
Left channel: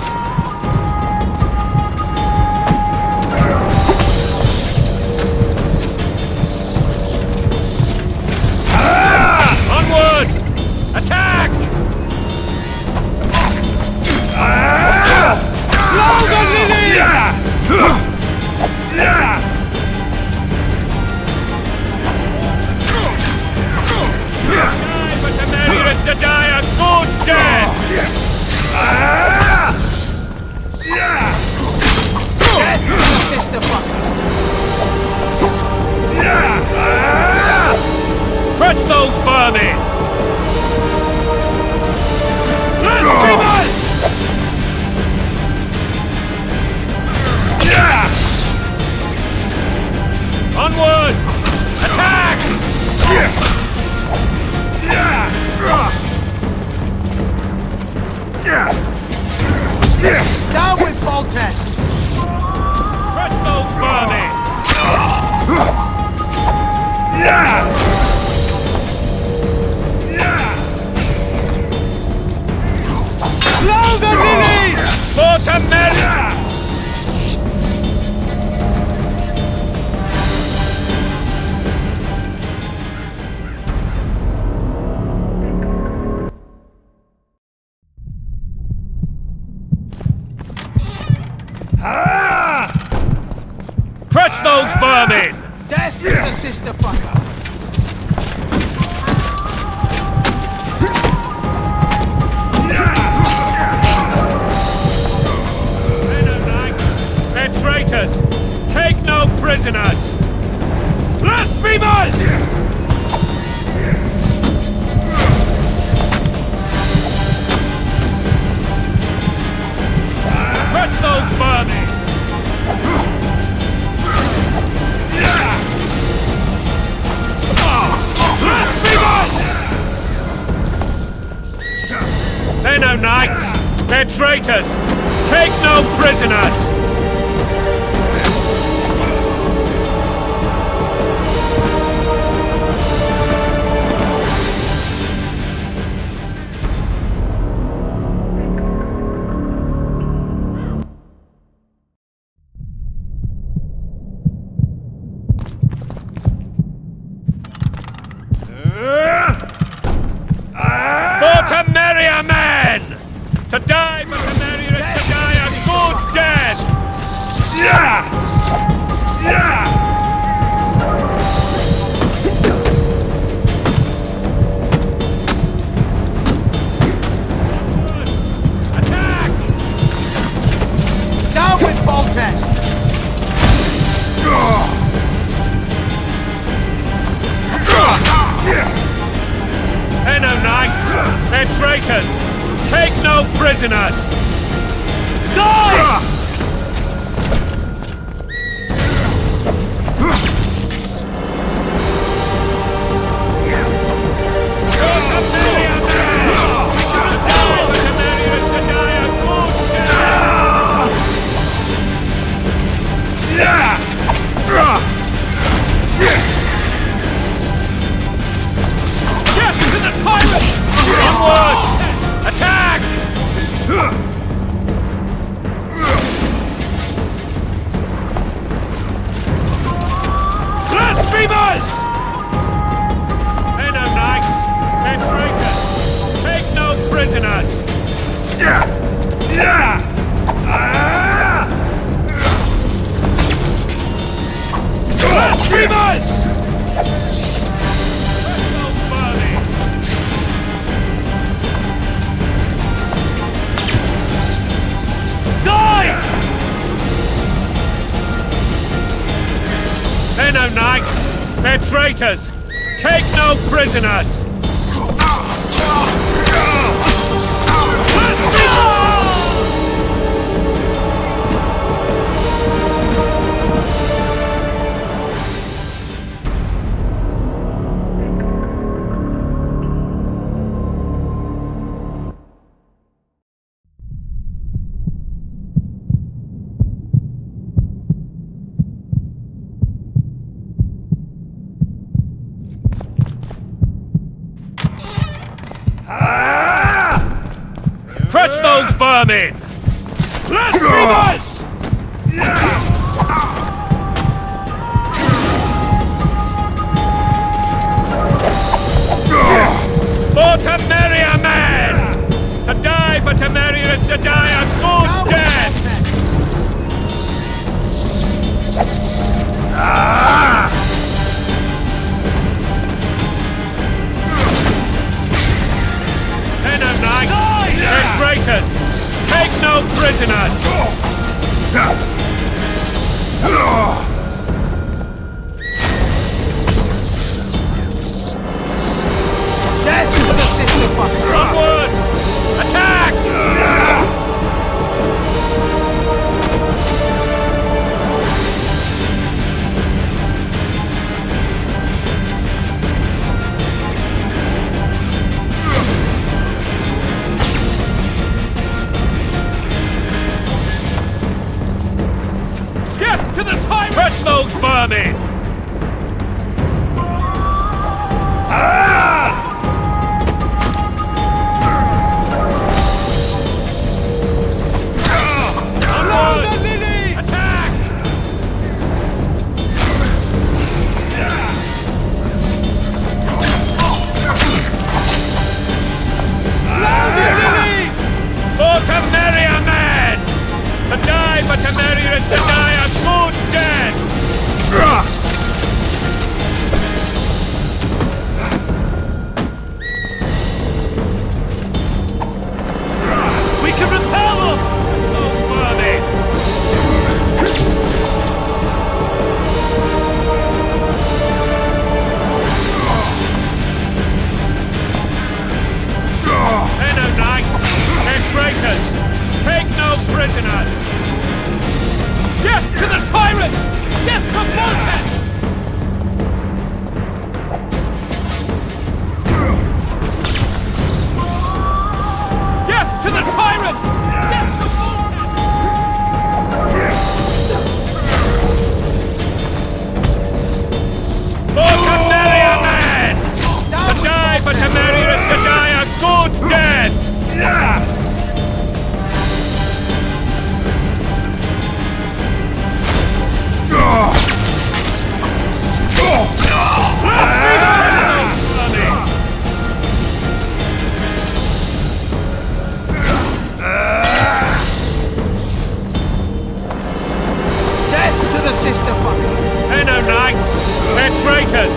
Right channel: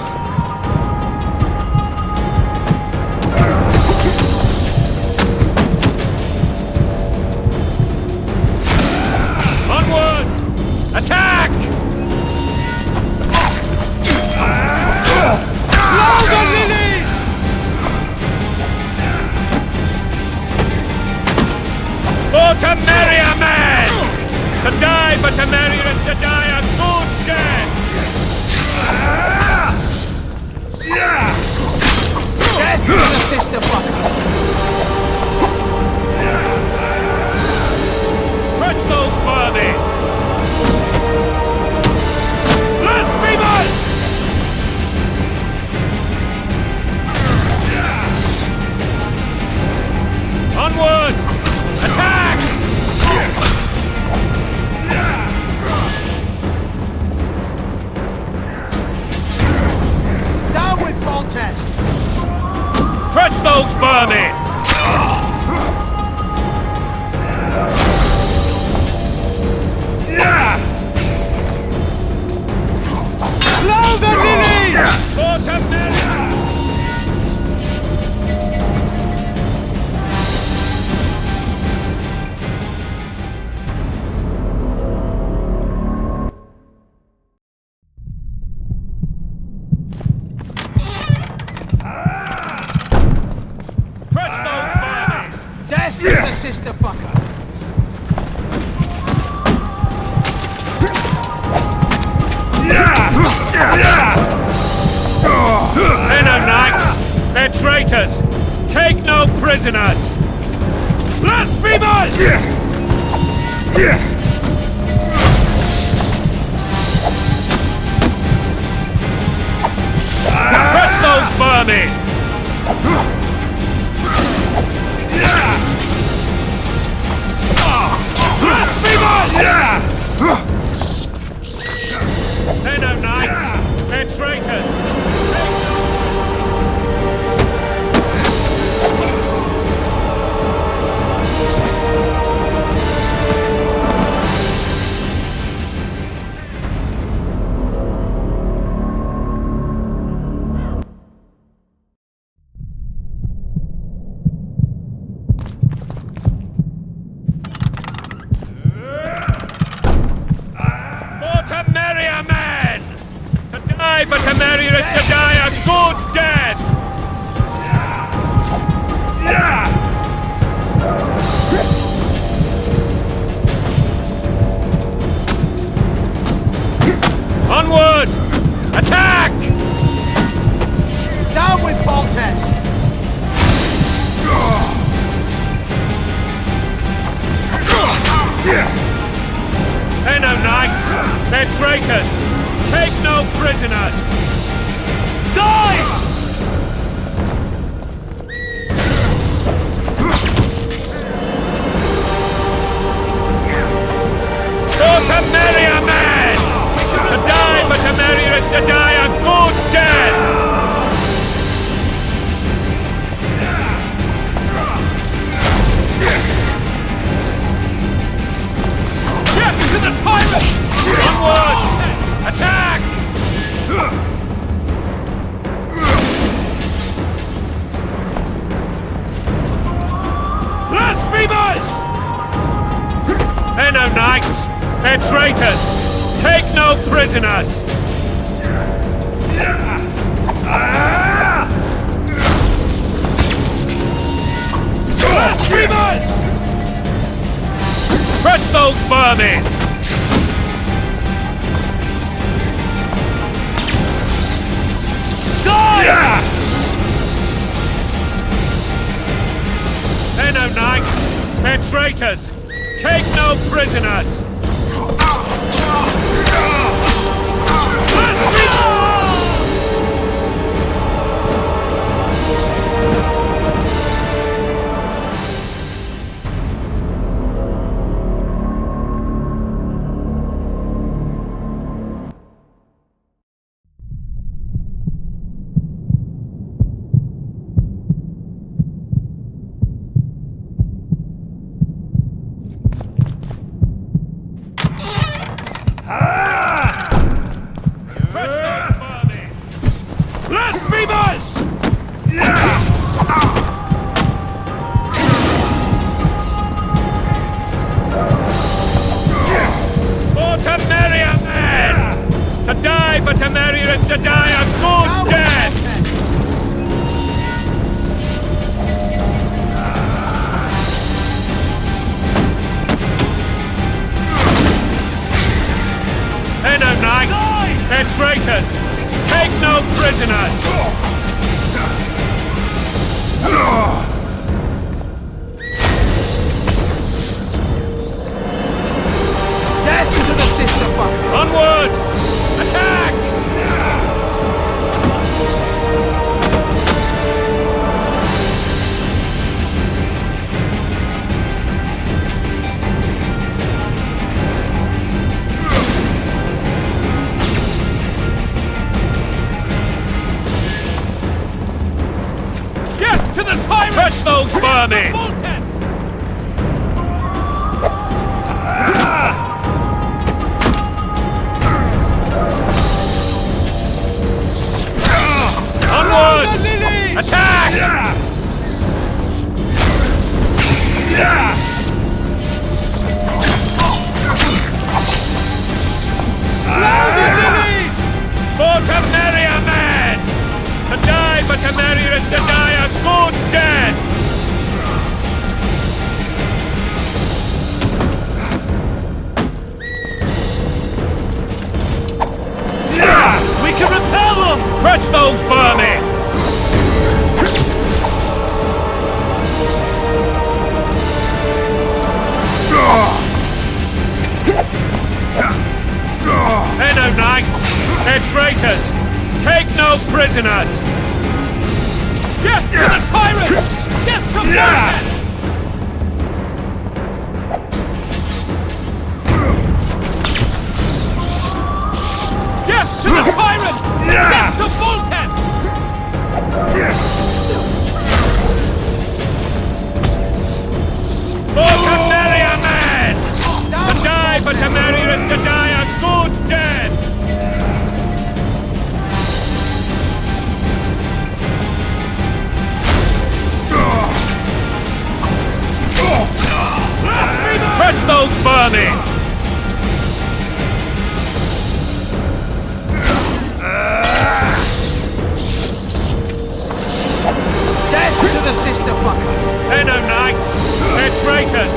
Onward! Attack! Blow the lilies! For Temeria, man! To die for Temeria is to die a good death! Death to the sister fucker! Crush those vermin! Blasphemous! Onward! Attack! Down with Voltaire! Crush those vermin! Blow the lilies! For Temeria! Crush those vermin! Death to the sister fucker! Enno Knights! They're traitors! Take no prisoners! Blasphemous! Crush those vermin! Blasphemous! Enno Knights! They're traitors! Take no prisoners! For Temeria, man! To die for Temeria is to die a good death! Onward! Attack! Down with Voltaire! Enno Knights! They're traitors! Take no prisoners! Die! For Temeria, man! To die for Temeria is to die a good death! Death to the pirate! Onward! Attack! Blasphemous! Enno Knights! They're traitors! Take no prisoners! Blasphemers! Press those vermin! Die! They're no knights! They're traitors! Take no prisoners! Press those vermin! Blasphemers! For Temeria, man! To die for Temeria is to die a good death! They're no knights! They're traitors! Take no prisoners! Death to the sister fucker! Onward! Attack! Get to the tyrant! Press those vermin! Onward! Attack! For Temeria, man! To die for Temeria is to die a good death! We can repel them! Press those vermin! They're no knights! They're traitors! Take no prisoners! Death to the tyrant! Death to Voltes! Death to the tyrant! Death to Voltes! For Temeria, man! To die for Temeria is to die a good death! Press those vermin! Death to the sister fucker! They're no knights! They're traitors!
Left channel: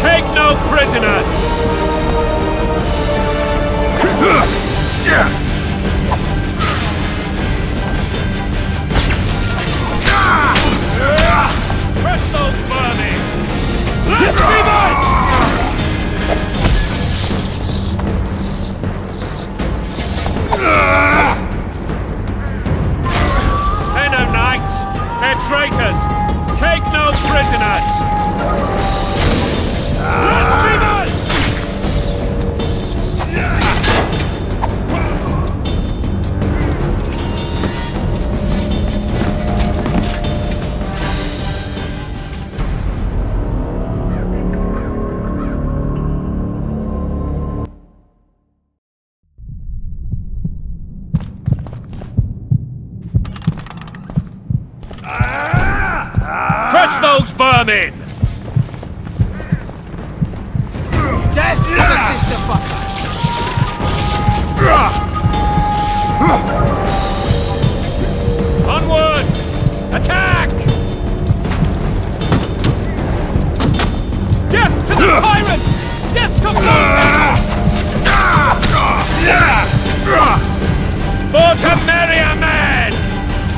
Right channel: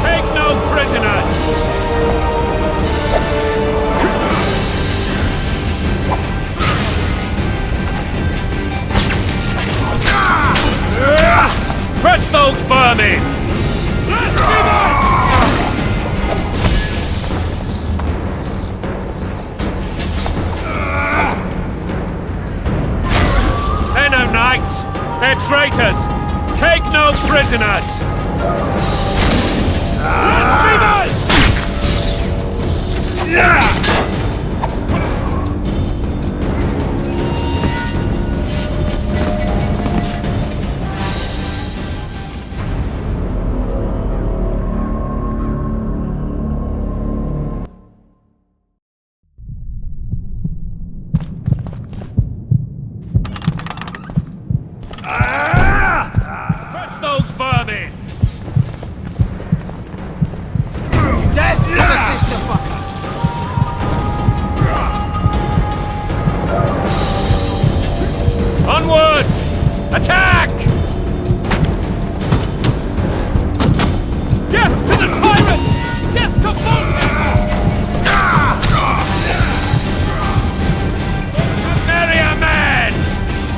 Take no prisoners! Press those vermin! Blasphemers! They're no knights! They're traitors! Take no prisoners! Blasphemers! Press those vermin! Death to the sister fucker! Onward! Attack! Death to the tyrant! Death to Voltaire! For Temeria, men!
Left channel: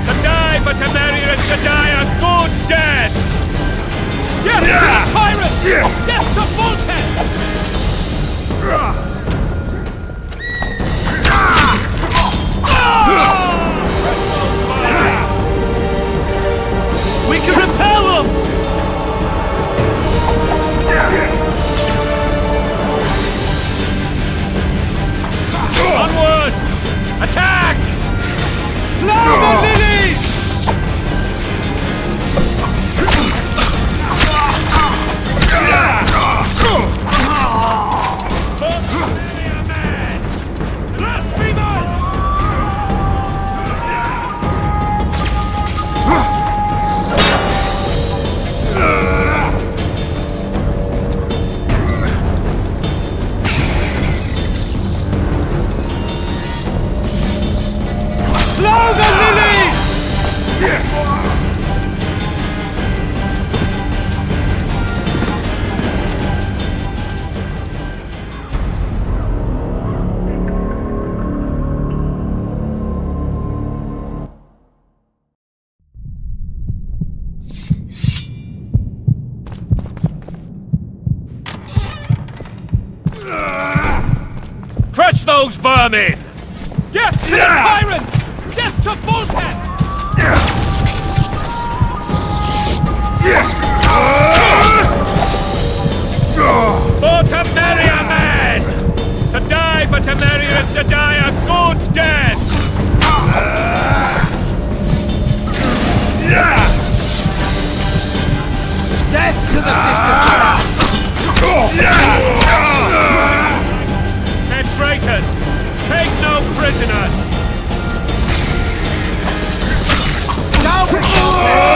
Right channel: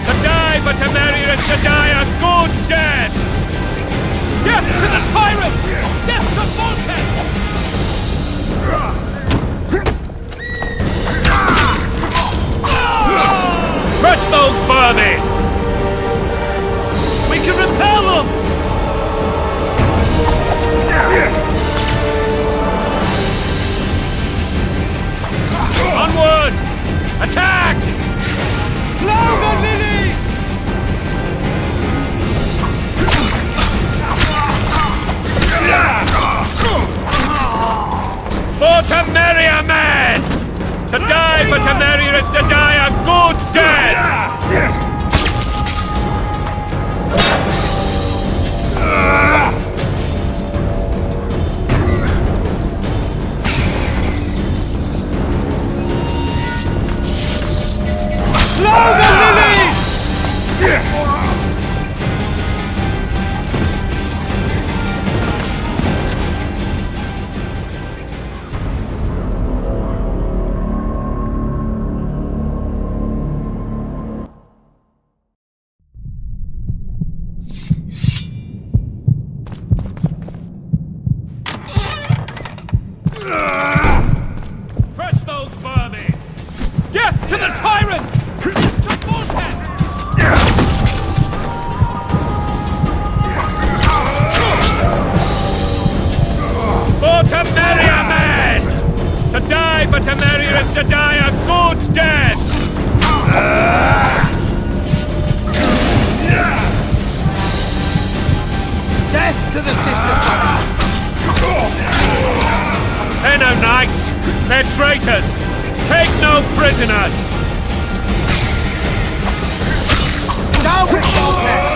To die for Temeria is to die a good death! Death to the tyrant! Death to Voltaire! Crush those vermin! We can repel them! Onward! Attack! Blow the lilies! For Temeria, men! To die for Temeria is to die a good death! Blow the lilies! Crush those vermin! Death to the tyrant! Death to Voltaire! For Temeria, men! To die for Temeria is to die a good death! Death to the sister! They're no knights! They're traitors! Take no prisoners! Down with Voltaire!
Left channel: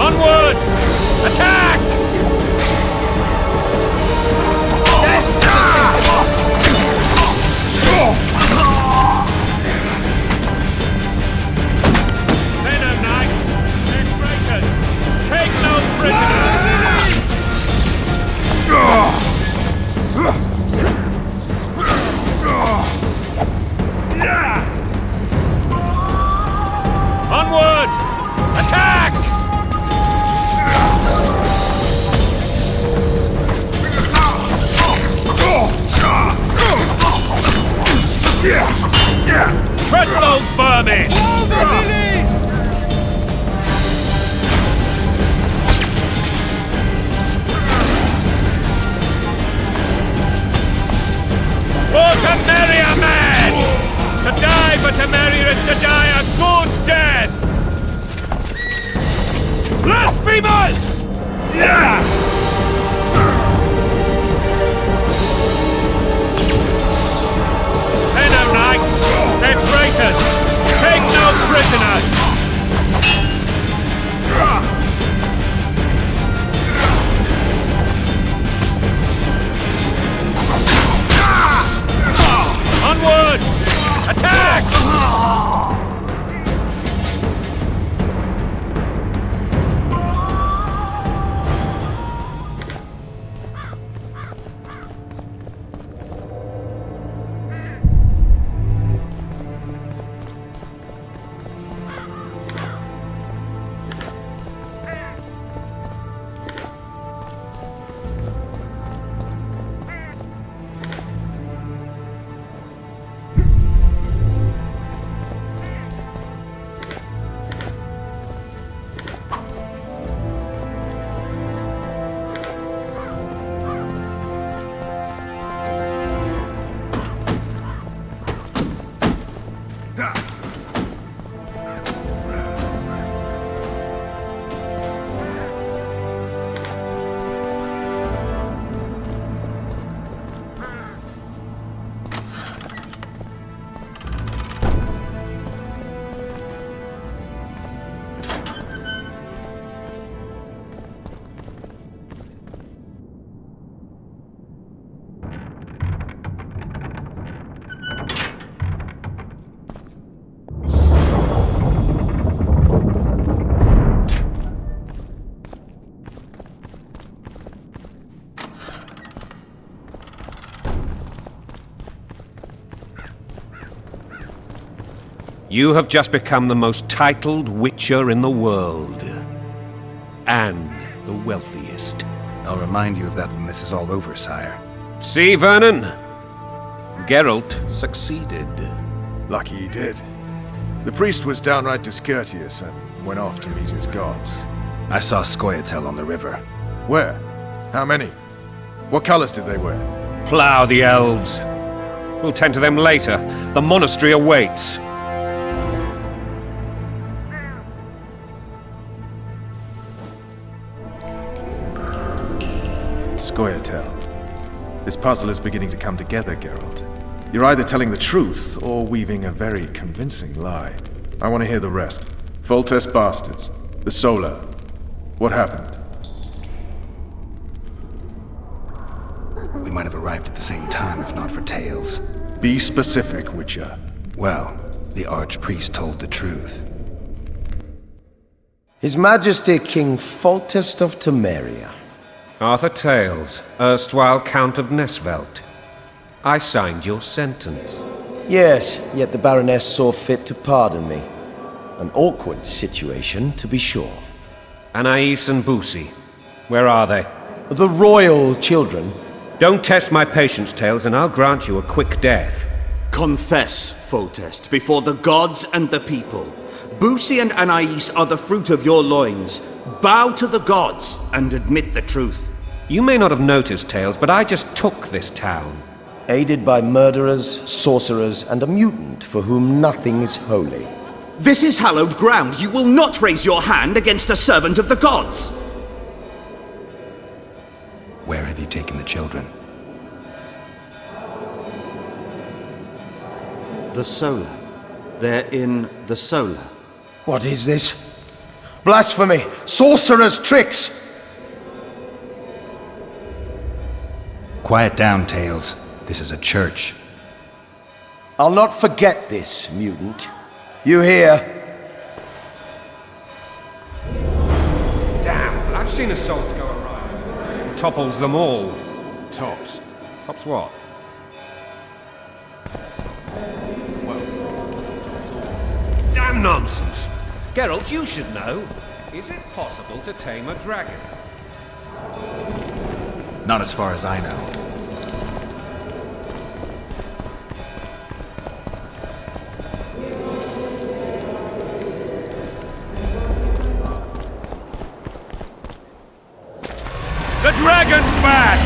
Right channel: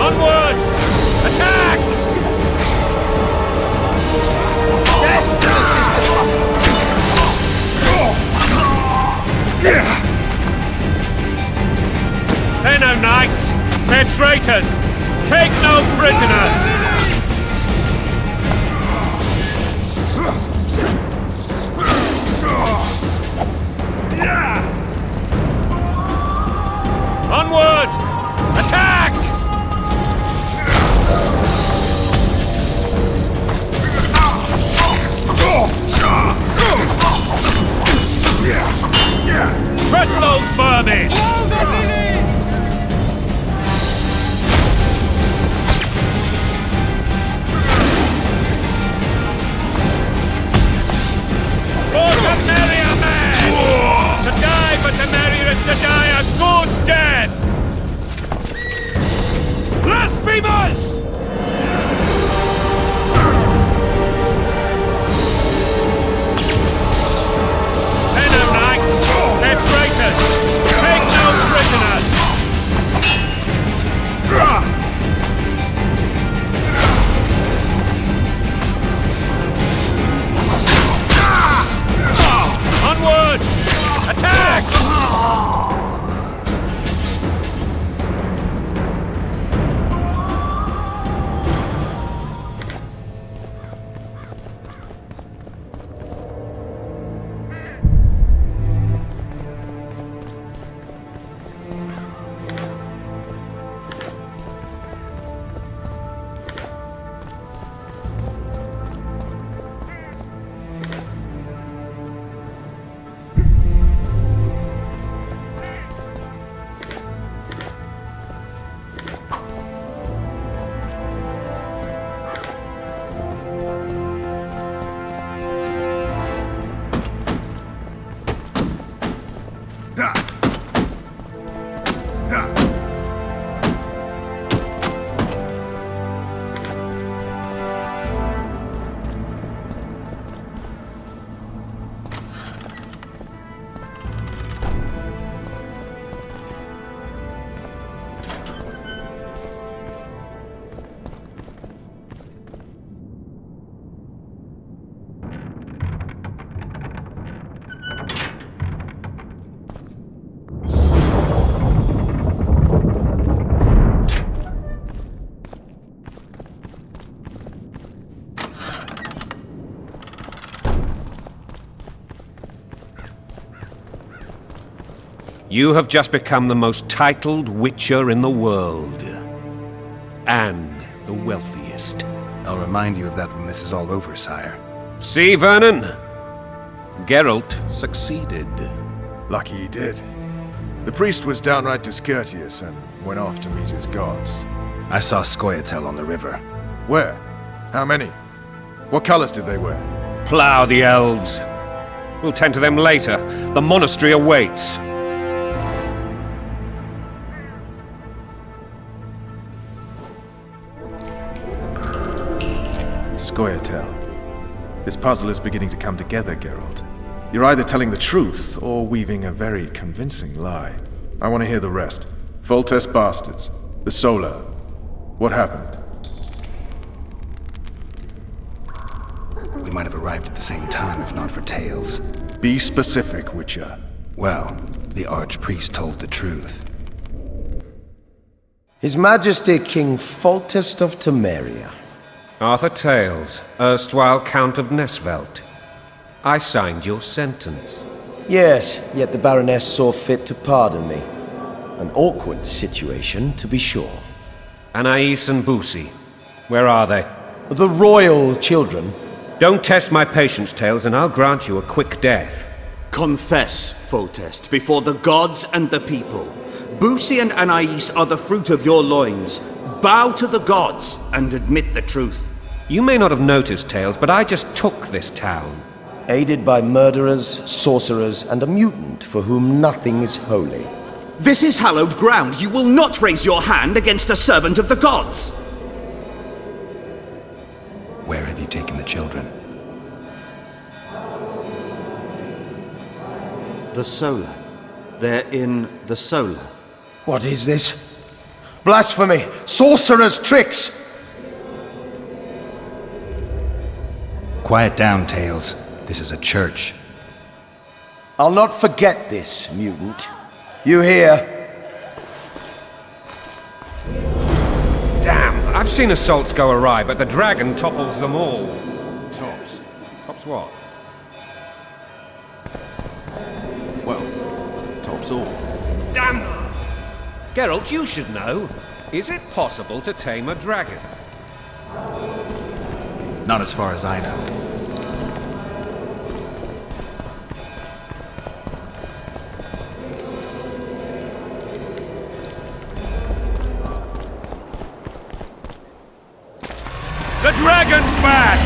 Onward! Attack! Death to the sister! They're no knights! They're traitors! Take no prisoners! Onward! Attack! Crush those vermin! Blow the lilies! For Temeria, men! To die for Temeria is to die a good death! Blasphemers! They're no knights! They're traitors! Take no prisoners! Onward! Attack! You have just become the most titled witcher in the world. And the wealthiest. I'll remind you of that when this is all over, sire. See, Vernon? Geralt succeeded. Lucky he did. The priest was downright discourteous and went off to meet his gods. I saw Scoia'tael on the river. Where? How many? What colors did they wear? Plough the elves. We'll tend to them later. The monastery awaits. Scoia'tael. This puzzle is beginning to come together, Geralt. You're either telling the truth or weaving a very convincing lie. I want to hear the rest. Foltest bastards. The Solar. What happened? We might have arrived at the same time if not for tales. Be specific, Witcher. Well, the Archpriest told the truth. His Majesty King Foltest of Temeria. Arthur Tales, erstwhile Count of Nesvelt. I signed your sentence. Yes, yet the Baroness saw fit to pardon me. An awkward situation, to be sure. Anais and Boussy, where are they? The royal children. Don't test my patience, Tales, and I'll grant you a quick death. Confess, Foltest, before the gods and the people. Boussy and Anais are the fruit of your loins. Bow to the gods and admit the truth. You may not have noticed, Tales, but I just took this town. Aided by murderers, sorcerers, and a mutant for whom nothing is holy. This is hallowed ground. You will not raise your hand against a servant of the gods. Where have you taken the children? The Solar. They're in the Solar. What is this? Blasphemy! Sorcerer's tricks! Quiet down, Tales. This is a church. I'll not forget this, mutant. You hear? Damn, I've seen assaults go awry, but the dragon topples them all. Tops. Tops what? Well, tops all. Damn nonsense! Geralt, you should know. Is it possible to tame a dragon? Not as far as I know. The dragon's back!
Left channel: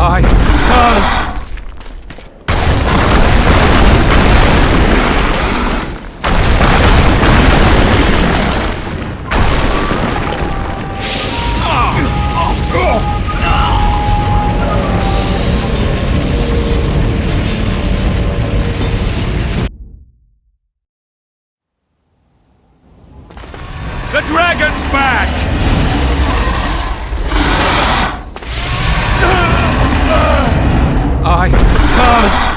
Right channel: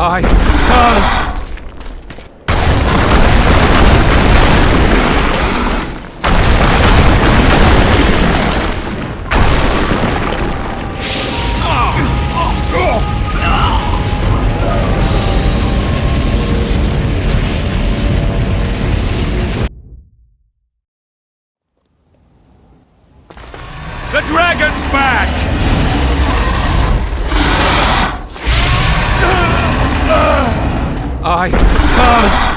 I can't! The dragon's back! I can't!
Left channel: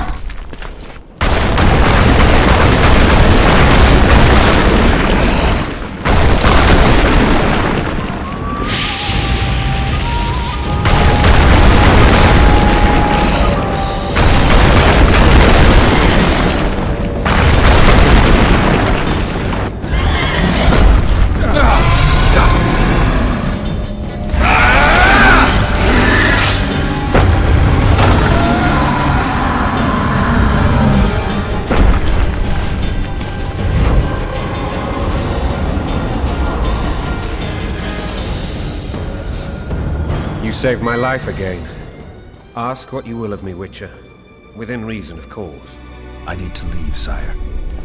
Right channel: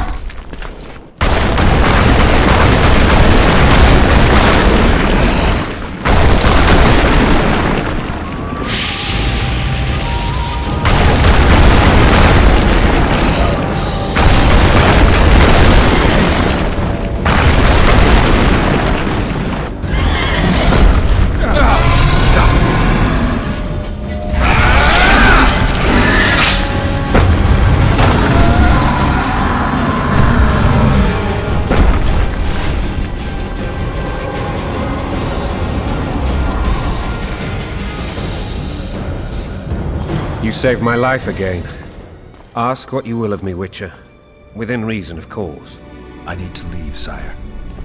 You saved my life again. Ask what you will of me, Witcher. Within reason, of course. I need to leave, sire.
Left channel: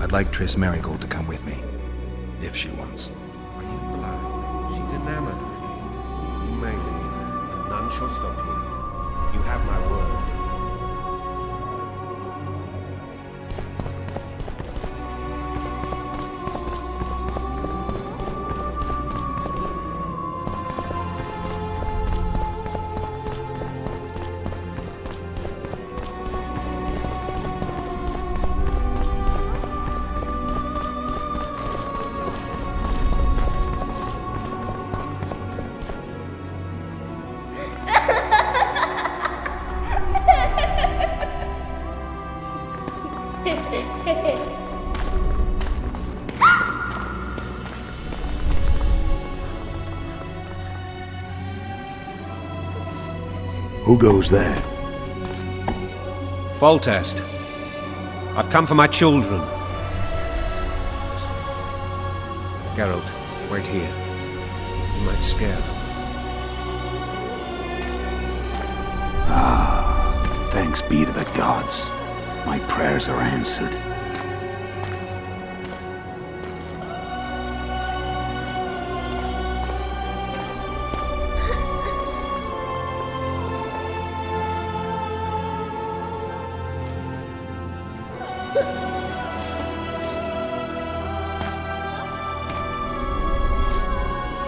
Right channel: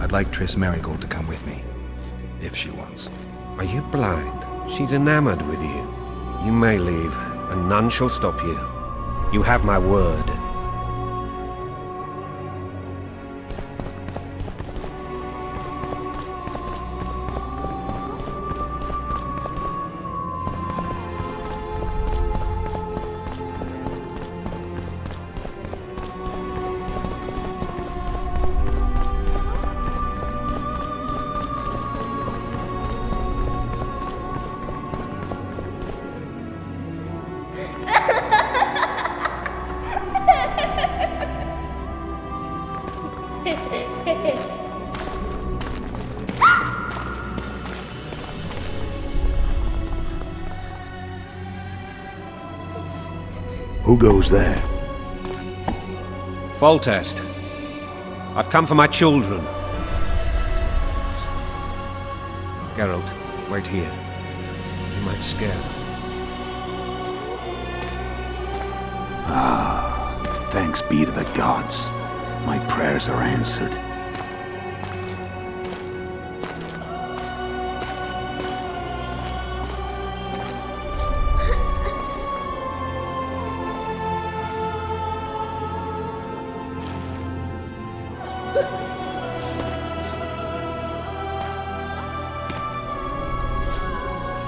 I'd like Triss Merigold to come with me. If she wants. Are you blind? She's enamored with you. You may leave, and none shall stop you. You have my word. Who goes there? Foltest. I've come for my children. Geralt, wait here. You might scare them. Thanks be to the gods. My prayers are answered.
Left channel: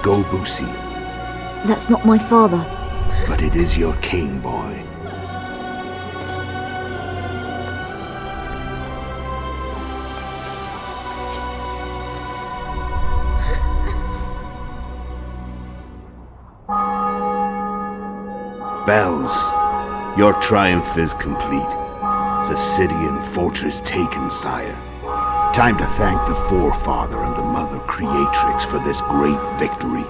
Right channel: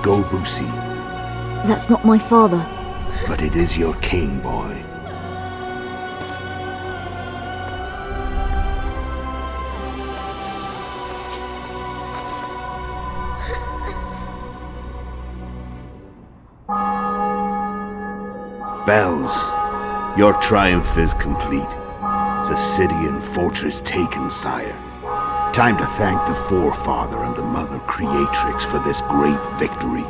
Go, Boosie. That's not my father. But it is your king, boy. Bells, your triumph is complete. The city and fortress taken, sire. Time to thank the Forefather and the Mother Creatrix for this great victory.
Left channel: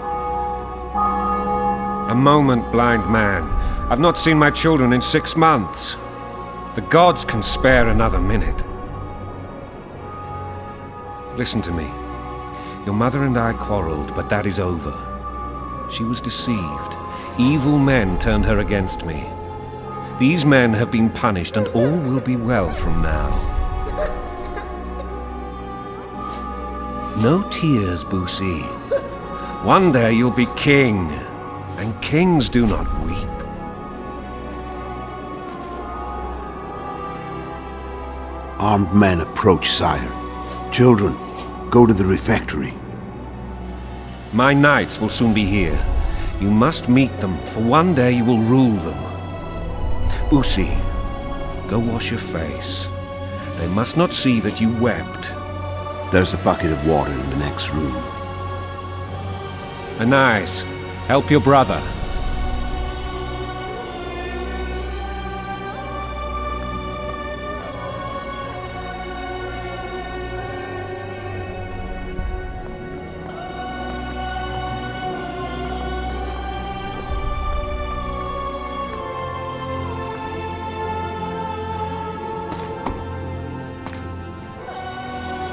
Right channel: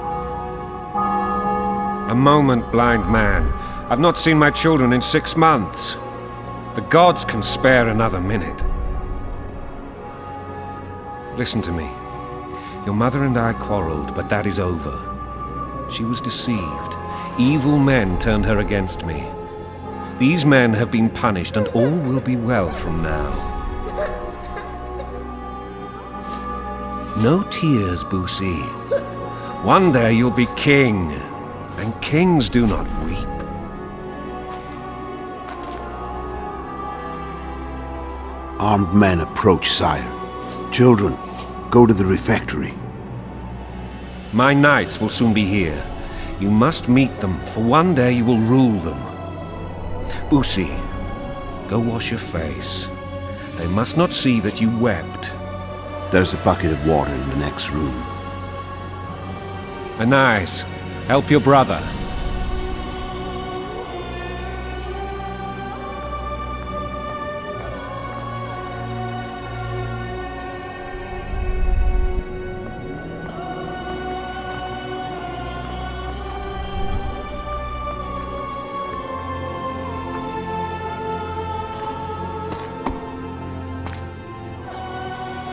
A moment, blind man. I've not seen my children in 6 months. The gods can spare another minute. Listen to me. Your mother and I quarreled, but that is over. She was deceived. Evil men turned her against me. These men have been punished, and all will be well from now. No tears, Boosie. One day you'll be king, and kings do not weep. Armed men approach, sire. Children, go to the refectory. My knights will soon be here. You must meet them, for one day you will rule them. Boosie, go wash your face. They must not see that you wept. There's a bucket of water in the next room. Anais, help your brother.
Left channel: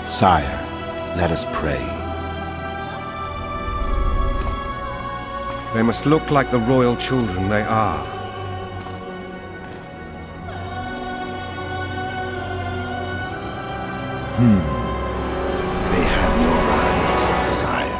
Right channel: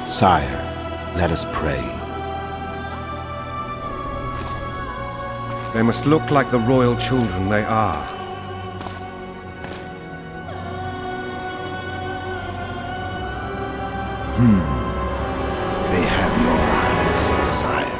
Sire, let us pray. They must look like the royal children they are. They have your eyes, sire.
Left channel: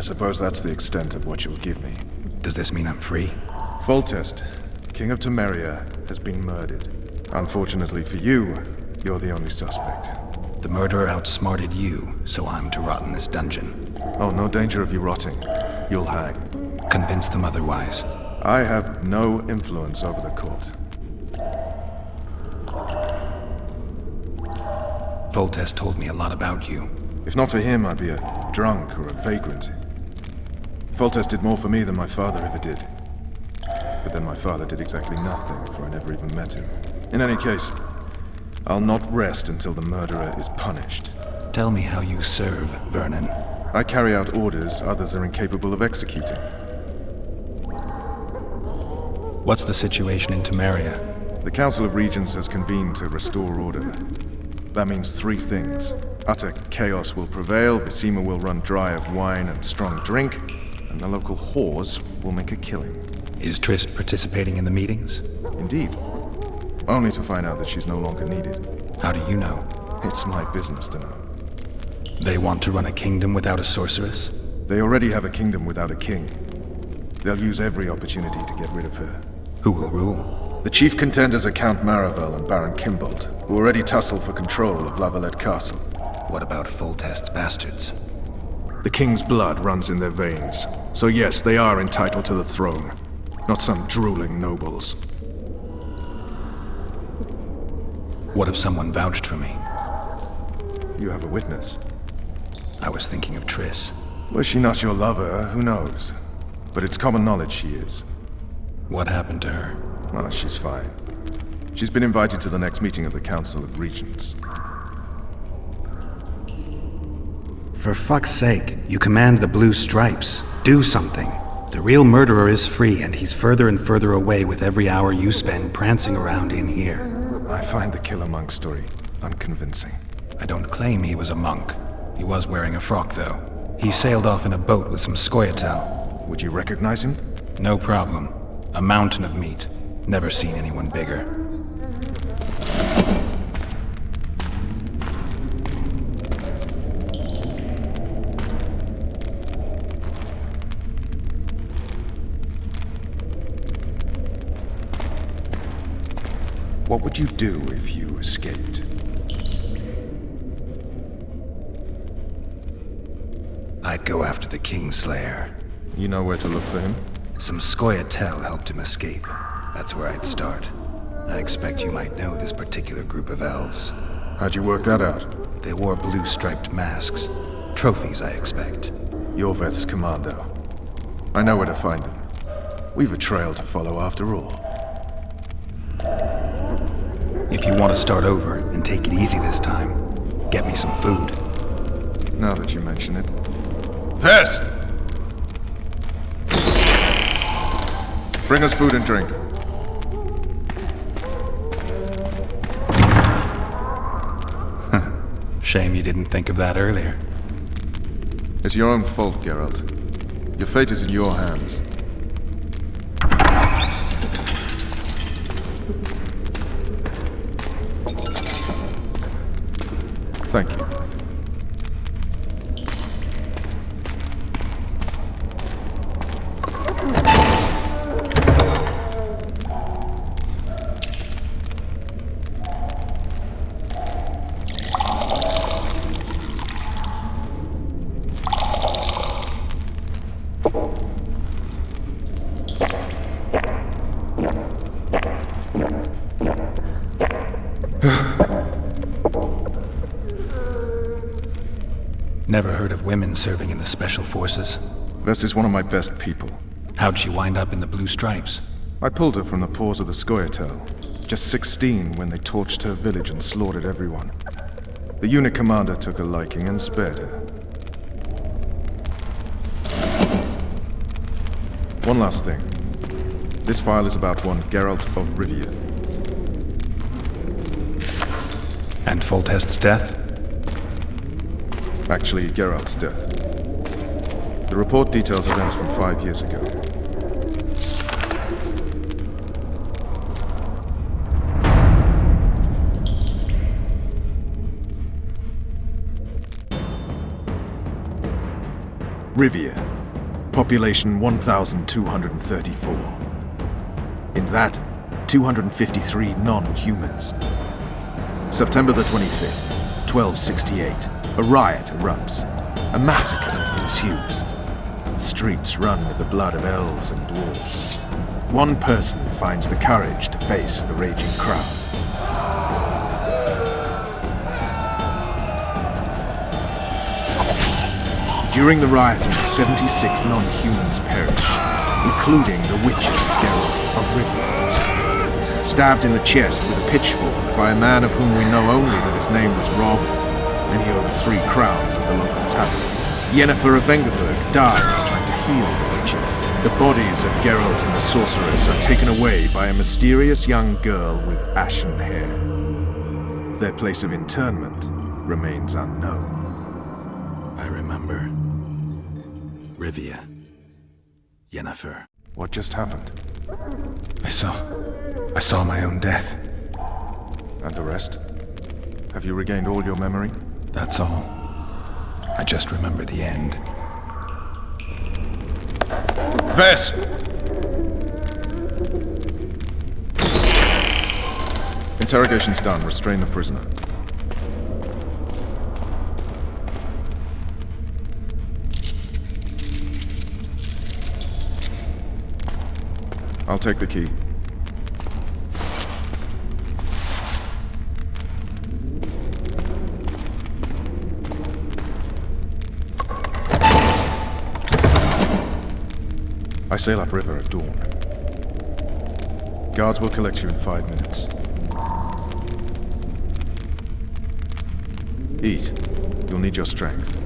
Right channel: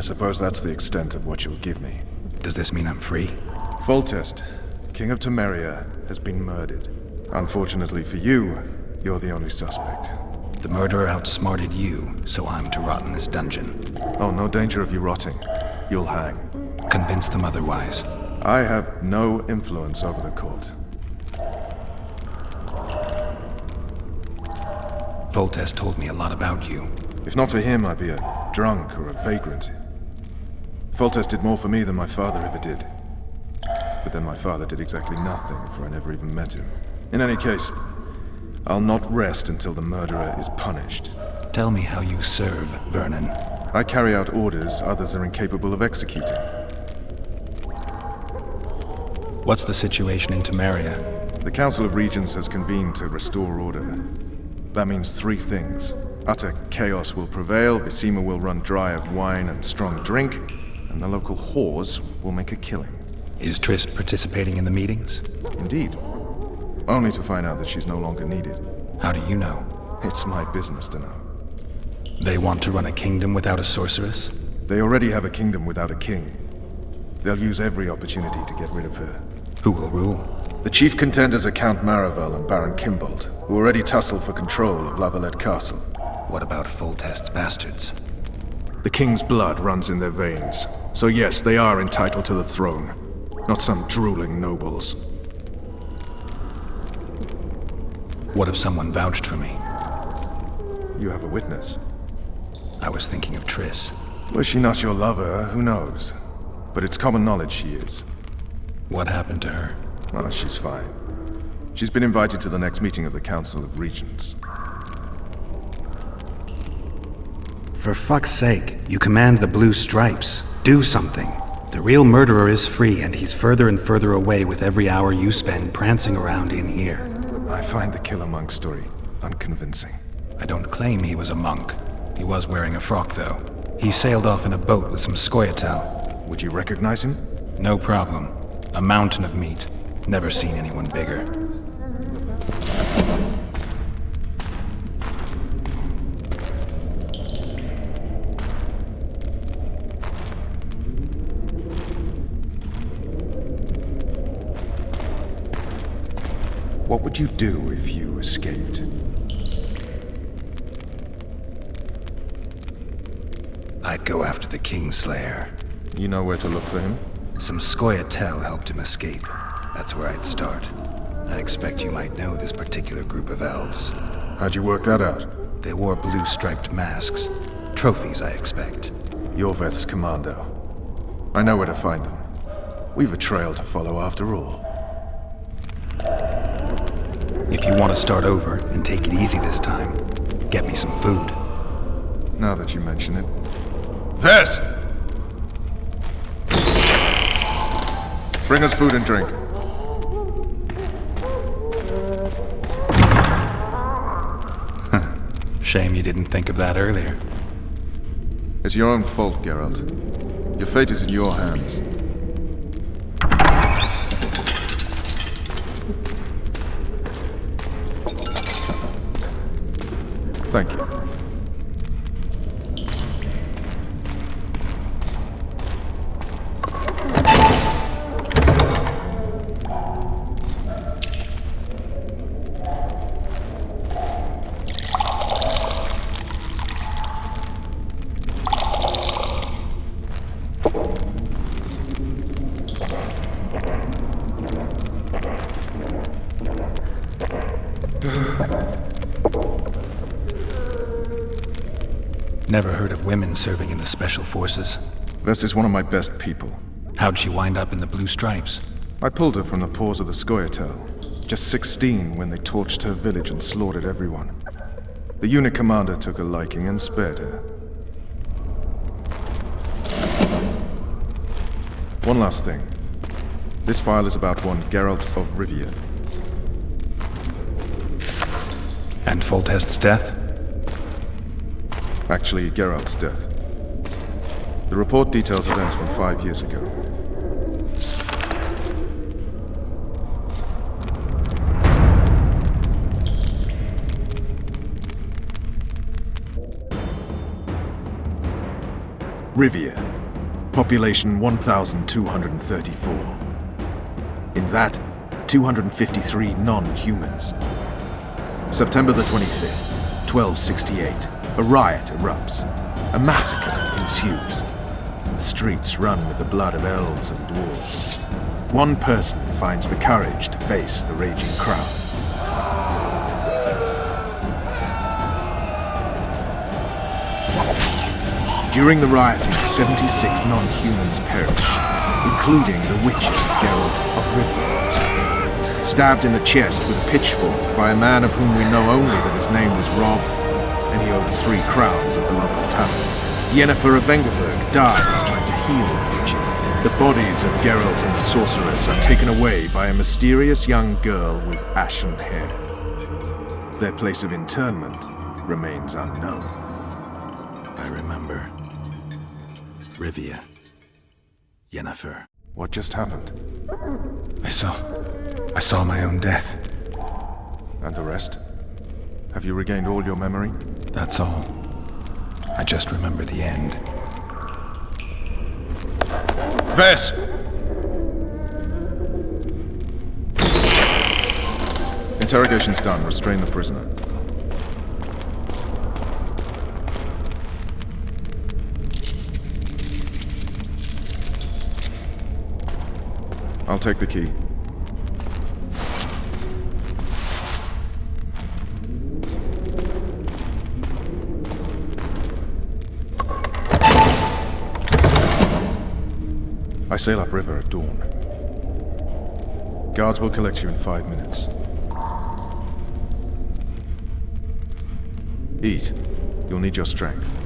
I suppose that's the extent of what you'll give me. Does this mean I'm free? Foltest, King of Temeria, has been murdered. Unfortunately for you, you're the only suspect. The murderer outsmarted you, so I'm to rot in this dungeon. Oh, no danger of you rotting. You'll hang. Convince them otherwise. I have no influence over the court. Foltest told me a lot about you. If not for him, I'd be a drunk or a vagrant. Foltest did more for me than my father ever did. But then my father did exactly nothing, for I never even met him. In any case, I'll not rest until the murderer is punished. Tell me how you serve, Vernon. I carry out orders others are incapable of executing. What's the situation in Temeria? The Council of Regents has convened to restore order. That means three things. Utter chaos will prevail, Visima will run dry of wine and strong drink, and the local whores will make a killing. Is Triss participating in the meetings? Indeed. Only to find out that she's no longer needed. How do you know? It's my business to know. They want to run a kingdom without a sorceress? They already have a kingdom without a king. They'll use every opportunity to get rid of her. Who will rule? The chief contenders are Count Maravel and Baron Kimbold, who already tussle for control of Lavalette Castle. What about Foltest's bastards? The king's blood runs in their veins, so yes, they are entitled to the throne. Not some drooling nobles. What if someone vouched for me? You have a witness. I was thinking of Triss. Was she not your lover? Who knows? But it's common knowledge she is. What happened to her? Oh, she's fine. She's been invited to the next meeting of the Council of Regents. For fuck's sake, you command the Blue Stripes. Do something. The real murderer is free, and he's further and further away with every hour you spend prancing around in here. I find the Killer Monk story unconvincing. I don't claim he was a monk. He was wearing a frock, though. He sailed off in a boat with some Scoia'tael. Would you recognize him? No problem. A mountain of meat. Never seen anyone bigger. What would you do if you escaped? I'd go after the Kingslayer. You know where to look for him? Some Scoia'tael helped him escape. That's where I'd start. I expect you might know this particular group of elves. How'd you work that out? They wore blue-striped masks. Trophies, I expect. Yorveth's commando. I know where to find them. We've a trail to follow after all. If you want to start over and take it easy this time, get me some food. Now that you mention it. Vess! Bring us food and drink. Shame you didn't think of that earlier. It's your own fault, Geralt. Your fate is in your hands. Thank you. Never heard of women serving in the Special Forces. Vess is one of my best people. How'd she wind up in the Blue Stripes? I pulled her from the paws of the Scoia'tael. Just 16 when they torched her village and slaughtered everyone. The unit commander took a liking and spared her. One last thing. This file is about one Geralt of Rivia. And Foltest's death? Actually, Geralt's death. The report details events from 5 years ago. Rivia. Population 1,234. In that, 253 non-humans. September the 25th, 1268. A riot erupts. A massacre ensues. The streets run with the blood of elves and dwarves. One person finds the courage to face the raging crowd. During the rioting, 76 non-humans perished, including the witcher Geralt of Rivia. Stabbed in the chest with a pitchfork by a man of whom we know only that his name was Rob, and he owed 3 crowns at the local tavern. Yennefer of Vengerberg dies trying to heal the witcher. The bodies of Geralt and the sorceress are taken away by a mysterious young girl with ashen hair. Their place of interment remains unknown. I remember. Rivia. Yennefer. What just happened? I saw my own death. And the rest? Have you regained all your memory? That's all. I just remember the end. Vess! Interrogation's done. Restrain the prisoner. I'll take the key. I sail upriver at dawn. Guards will collect you in 5 minutes. Eat. You'll need your strength.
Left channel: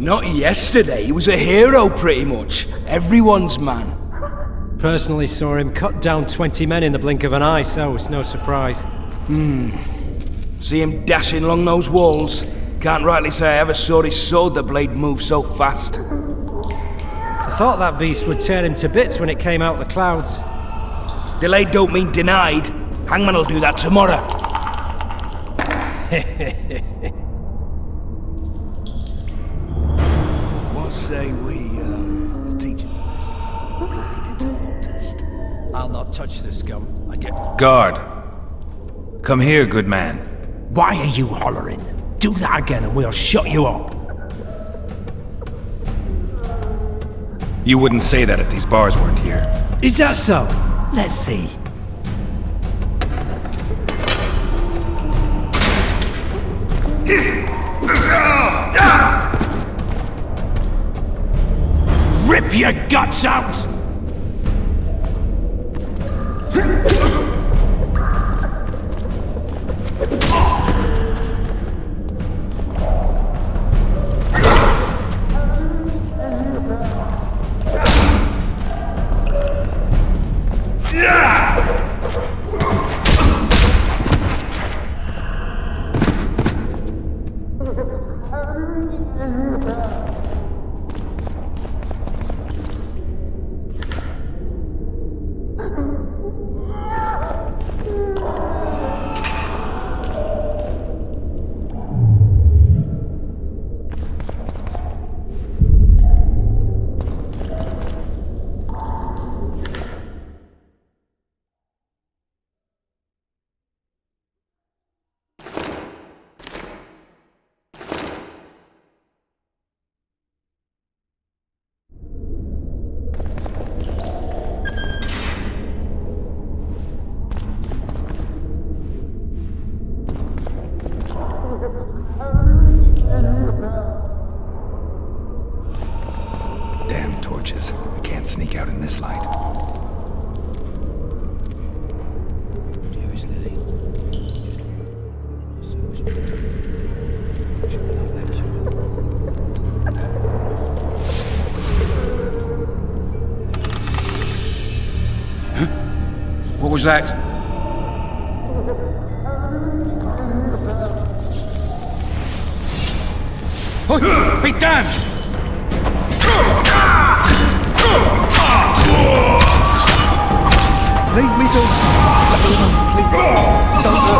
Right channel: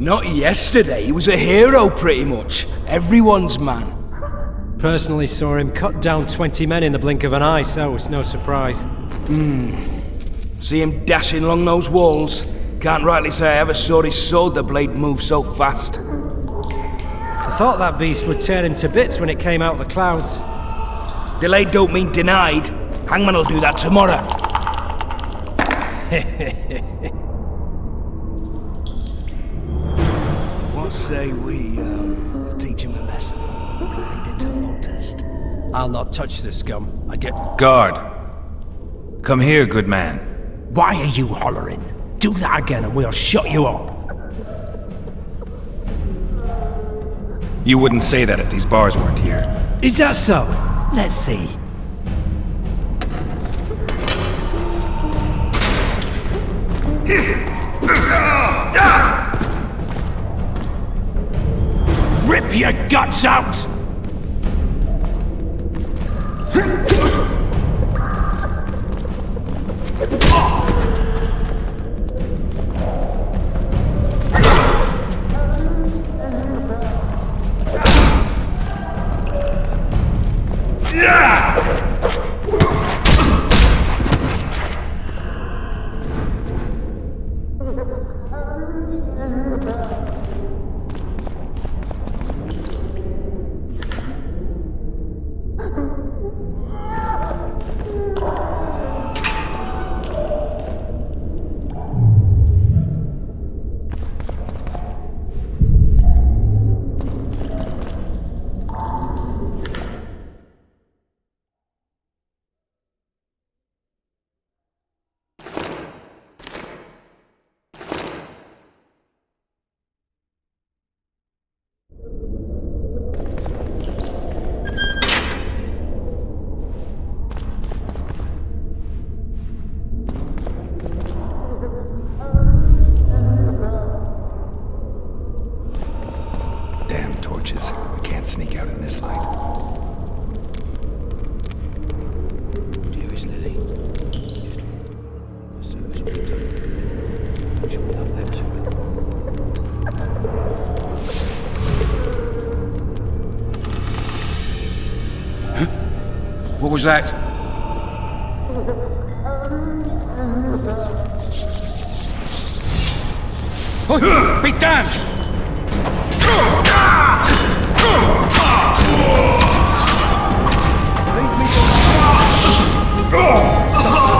Not yesterday, he was a hero pretty much. Everyone's man. Personally saw him cut down 20 men in the blink of an eye, so it's no surprise. See him dashing along those walls. Can't rightly say I ever saw his sword the blade move so fast. I thought that beast would tear him to bits when it came out of the clouds. Delayed don't mean denied. Hangman'll do that tomorrow. What say we, teach him a lesson? Lead it to Foltest. I'll not touch the scum. I get... Guard! Come here, good man. Why are you hollering? Do that again and we'll shut you up. You wouldn't say that if these bars weren't here. Is that so? Let's see. Rip your guts out! Damn torches. I can't sneak out in this light. Dearest Lily, serves you. What was that? Oh, be damned! Leave me to... Please.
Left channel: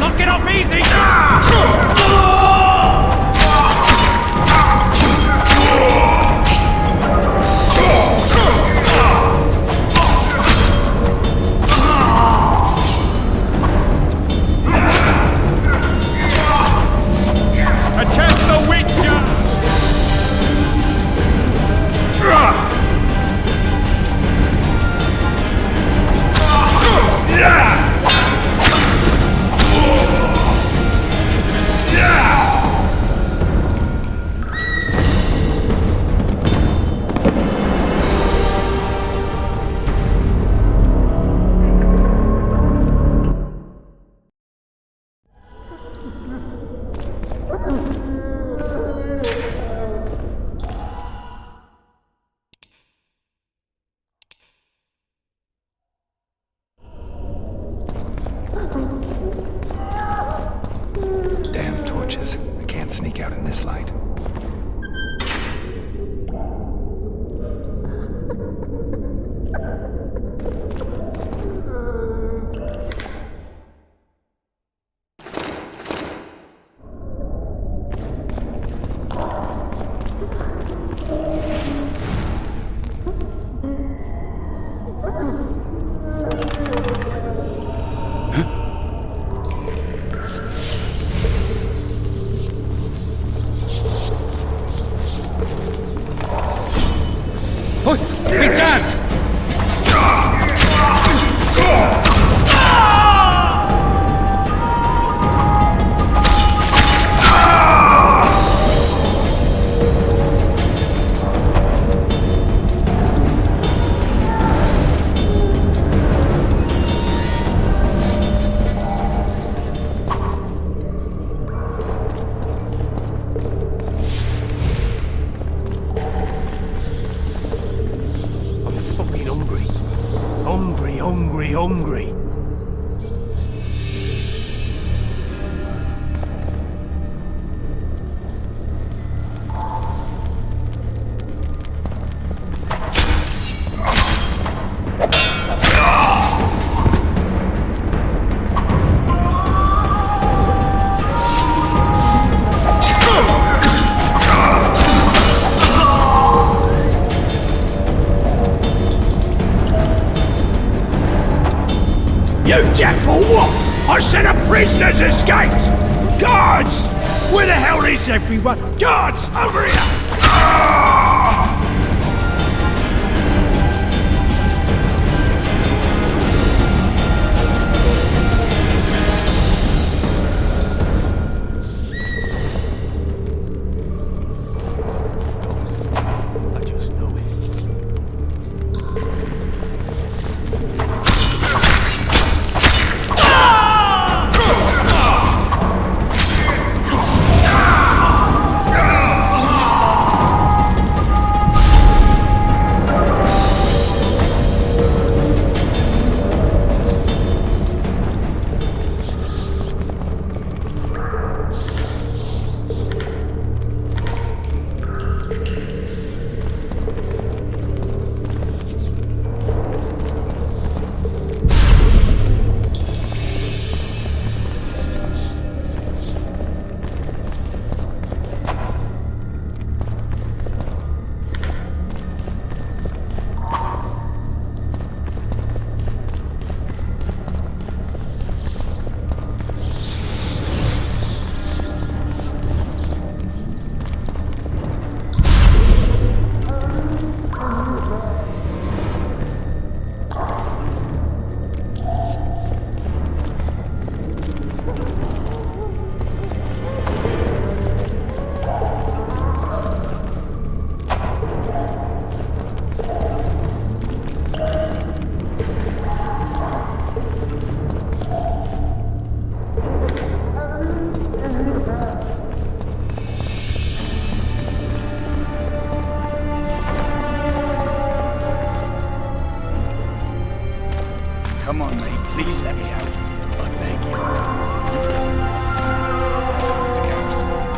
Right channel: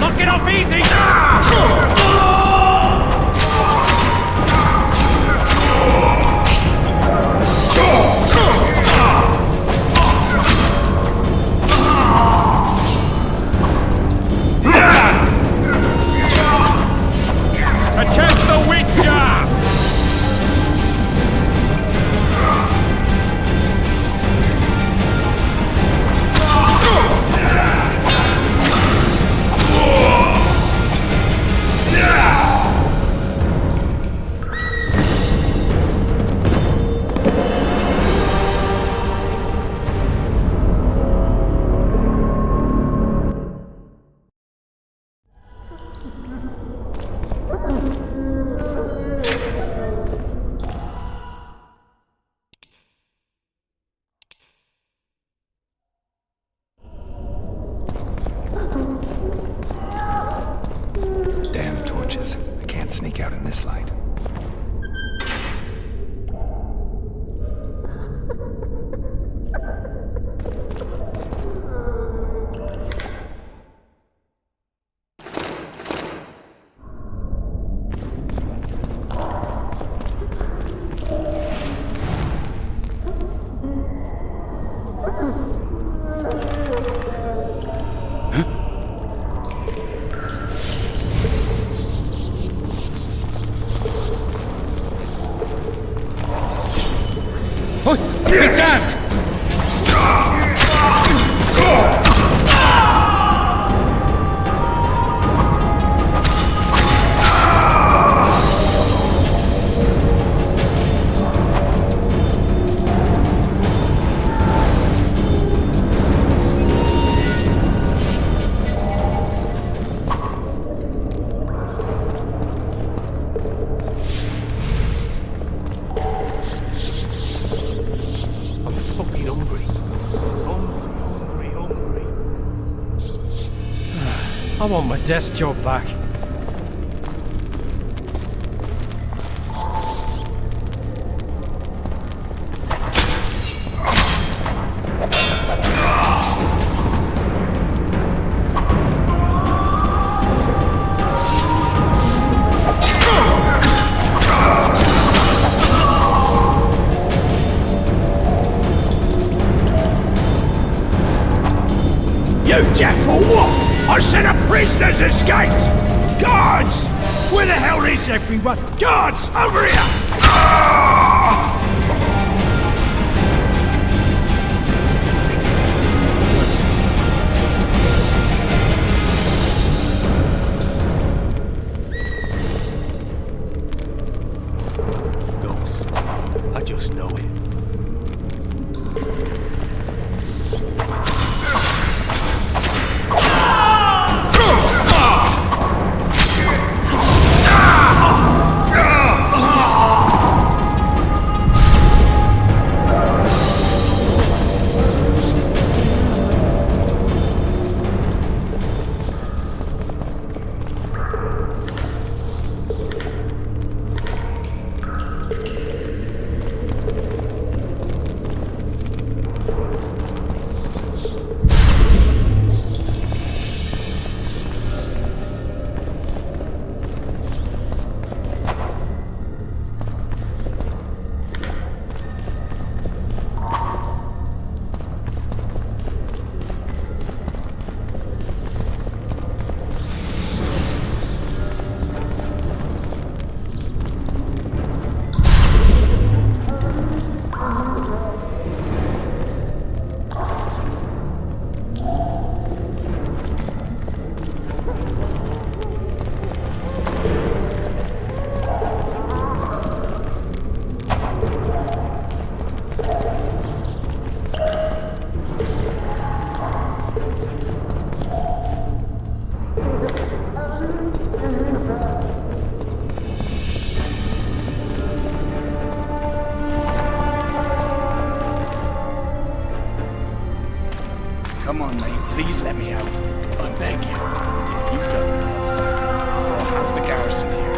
Knock it off easy! Attempt the Witcher! Damn torches. I can't sneak out in this light. Oh, be damned! Fucking hungry. Hungry. I want my desk job back. You deaf or what? I said a prisoner's escaped! Guards! Where the hell is everyone? Guards! Over here! Ghost. I just know it. Come on, mate. Please let me out. I beg you. If you don't, I'll drop out the garrison here.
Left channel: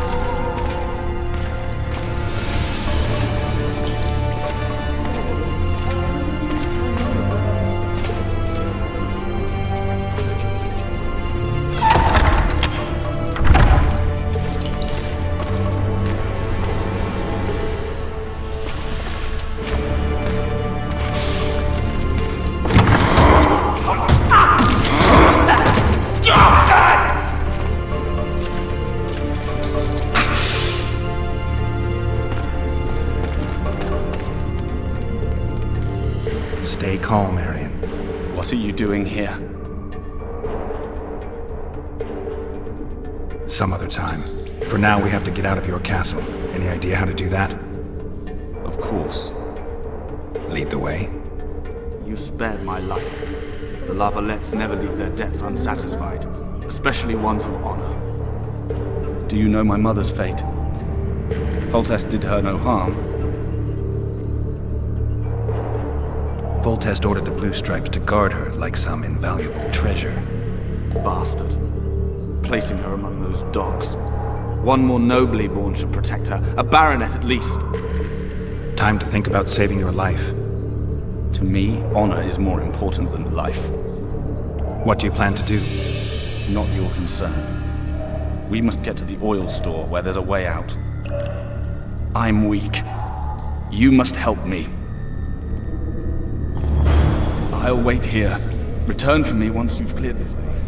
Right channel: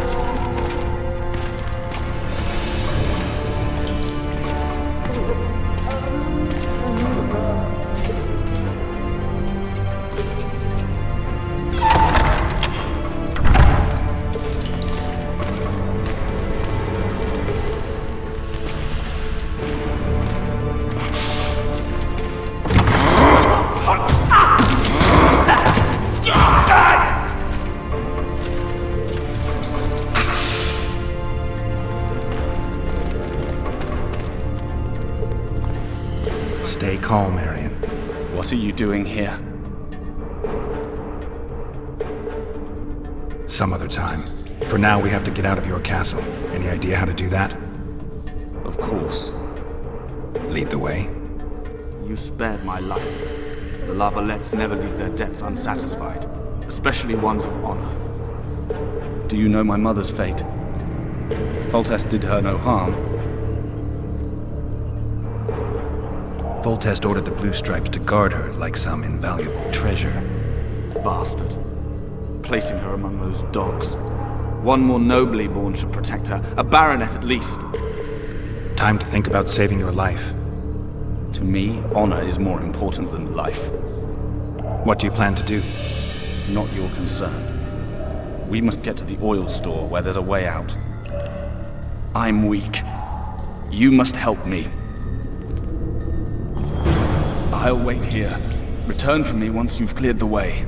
Stay calm, Arian. What are you doing here? Some other time. For now, we have to get out of your castle. Any idea how to do that? Of course. Lead the way. You spared my life. The Lavalettes never leave their debts unsatisfied, especially ones of honor. Do you know my mother's fate? Foltest did her no harm. Foltest ordered the Blue Stripes to guard her like some invaluable treasure. Bastard. Placing her among those dogs. One more nobly born should protect her. A baronet at least. Time to think about saving your life. To me, honor is more important than life. What do you plan to do? Not your concern. We must get to the oil store where there's a way out. I'm weak. You must help me. I'll wait here. Return for me once you've cleared the way.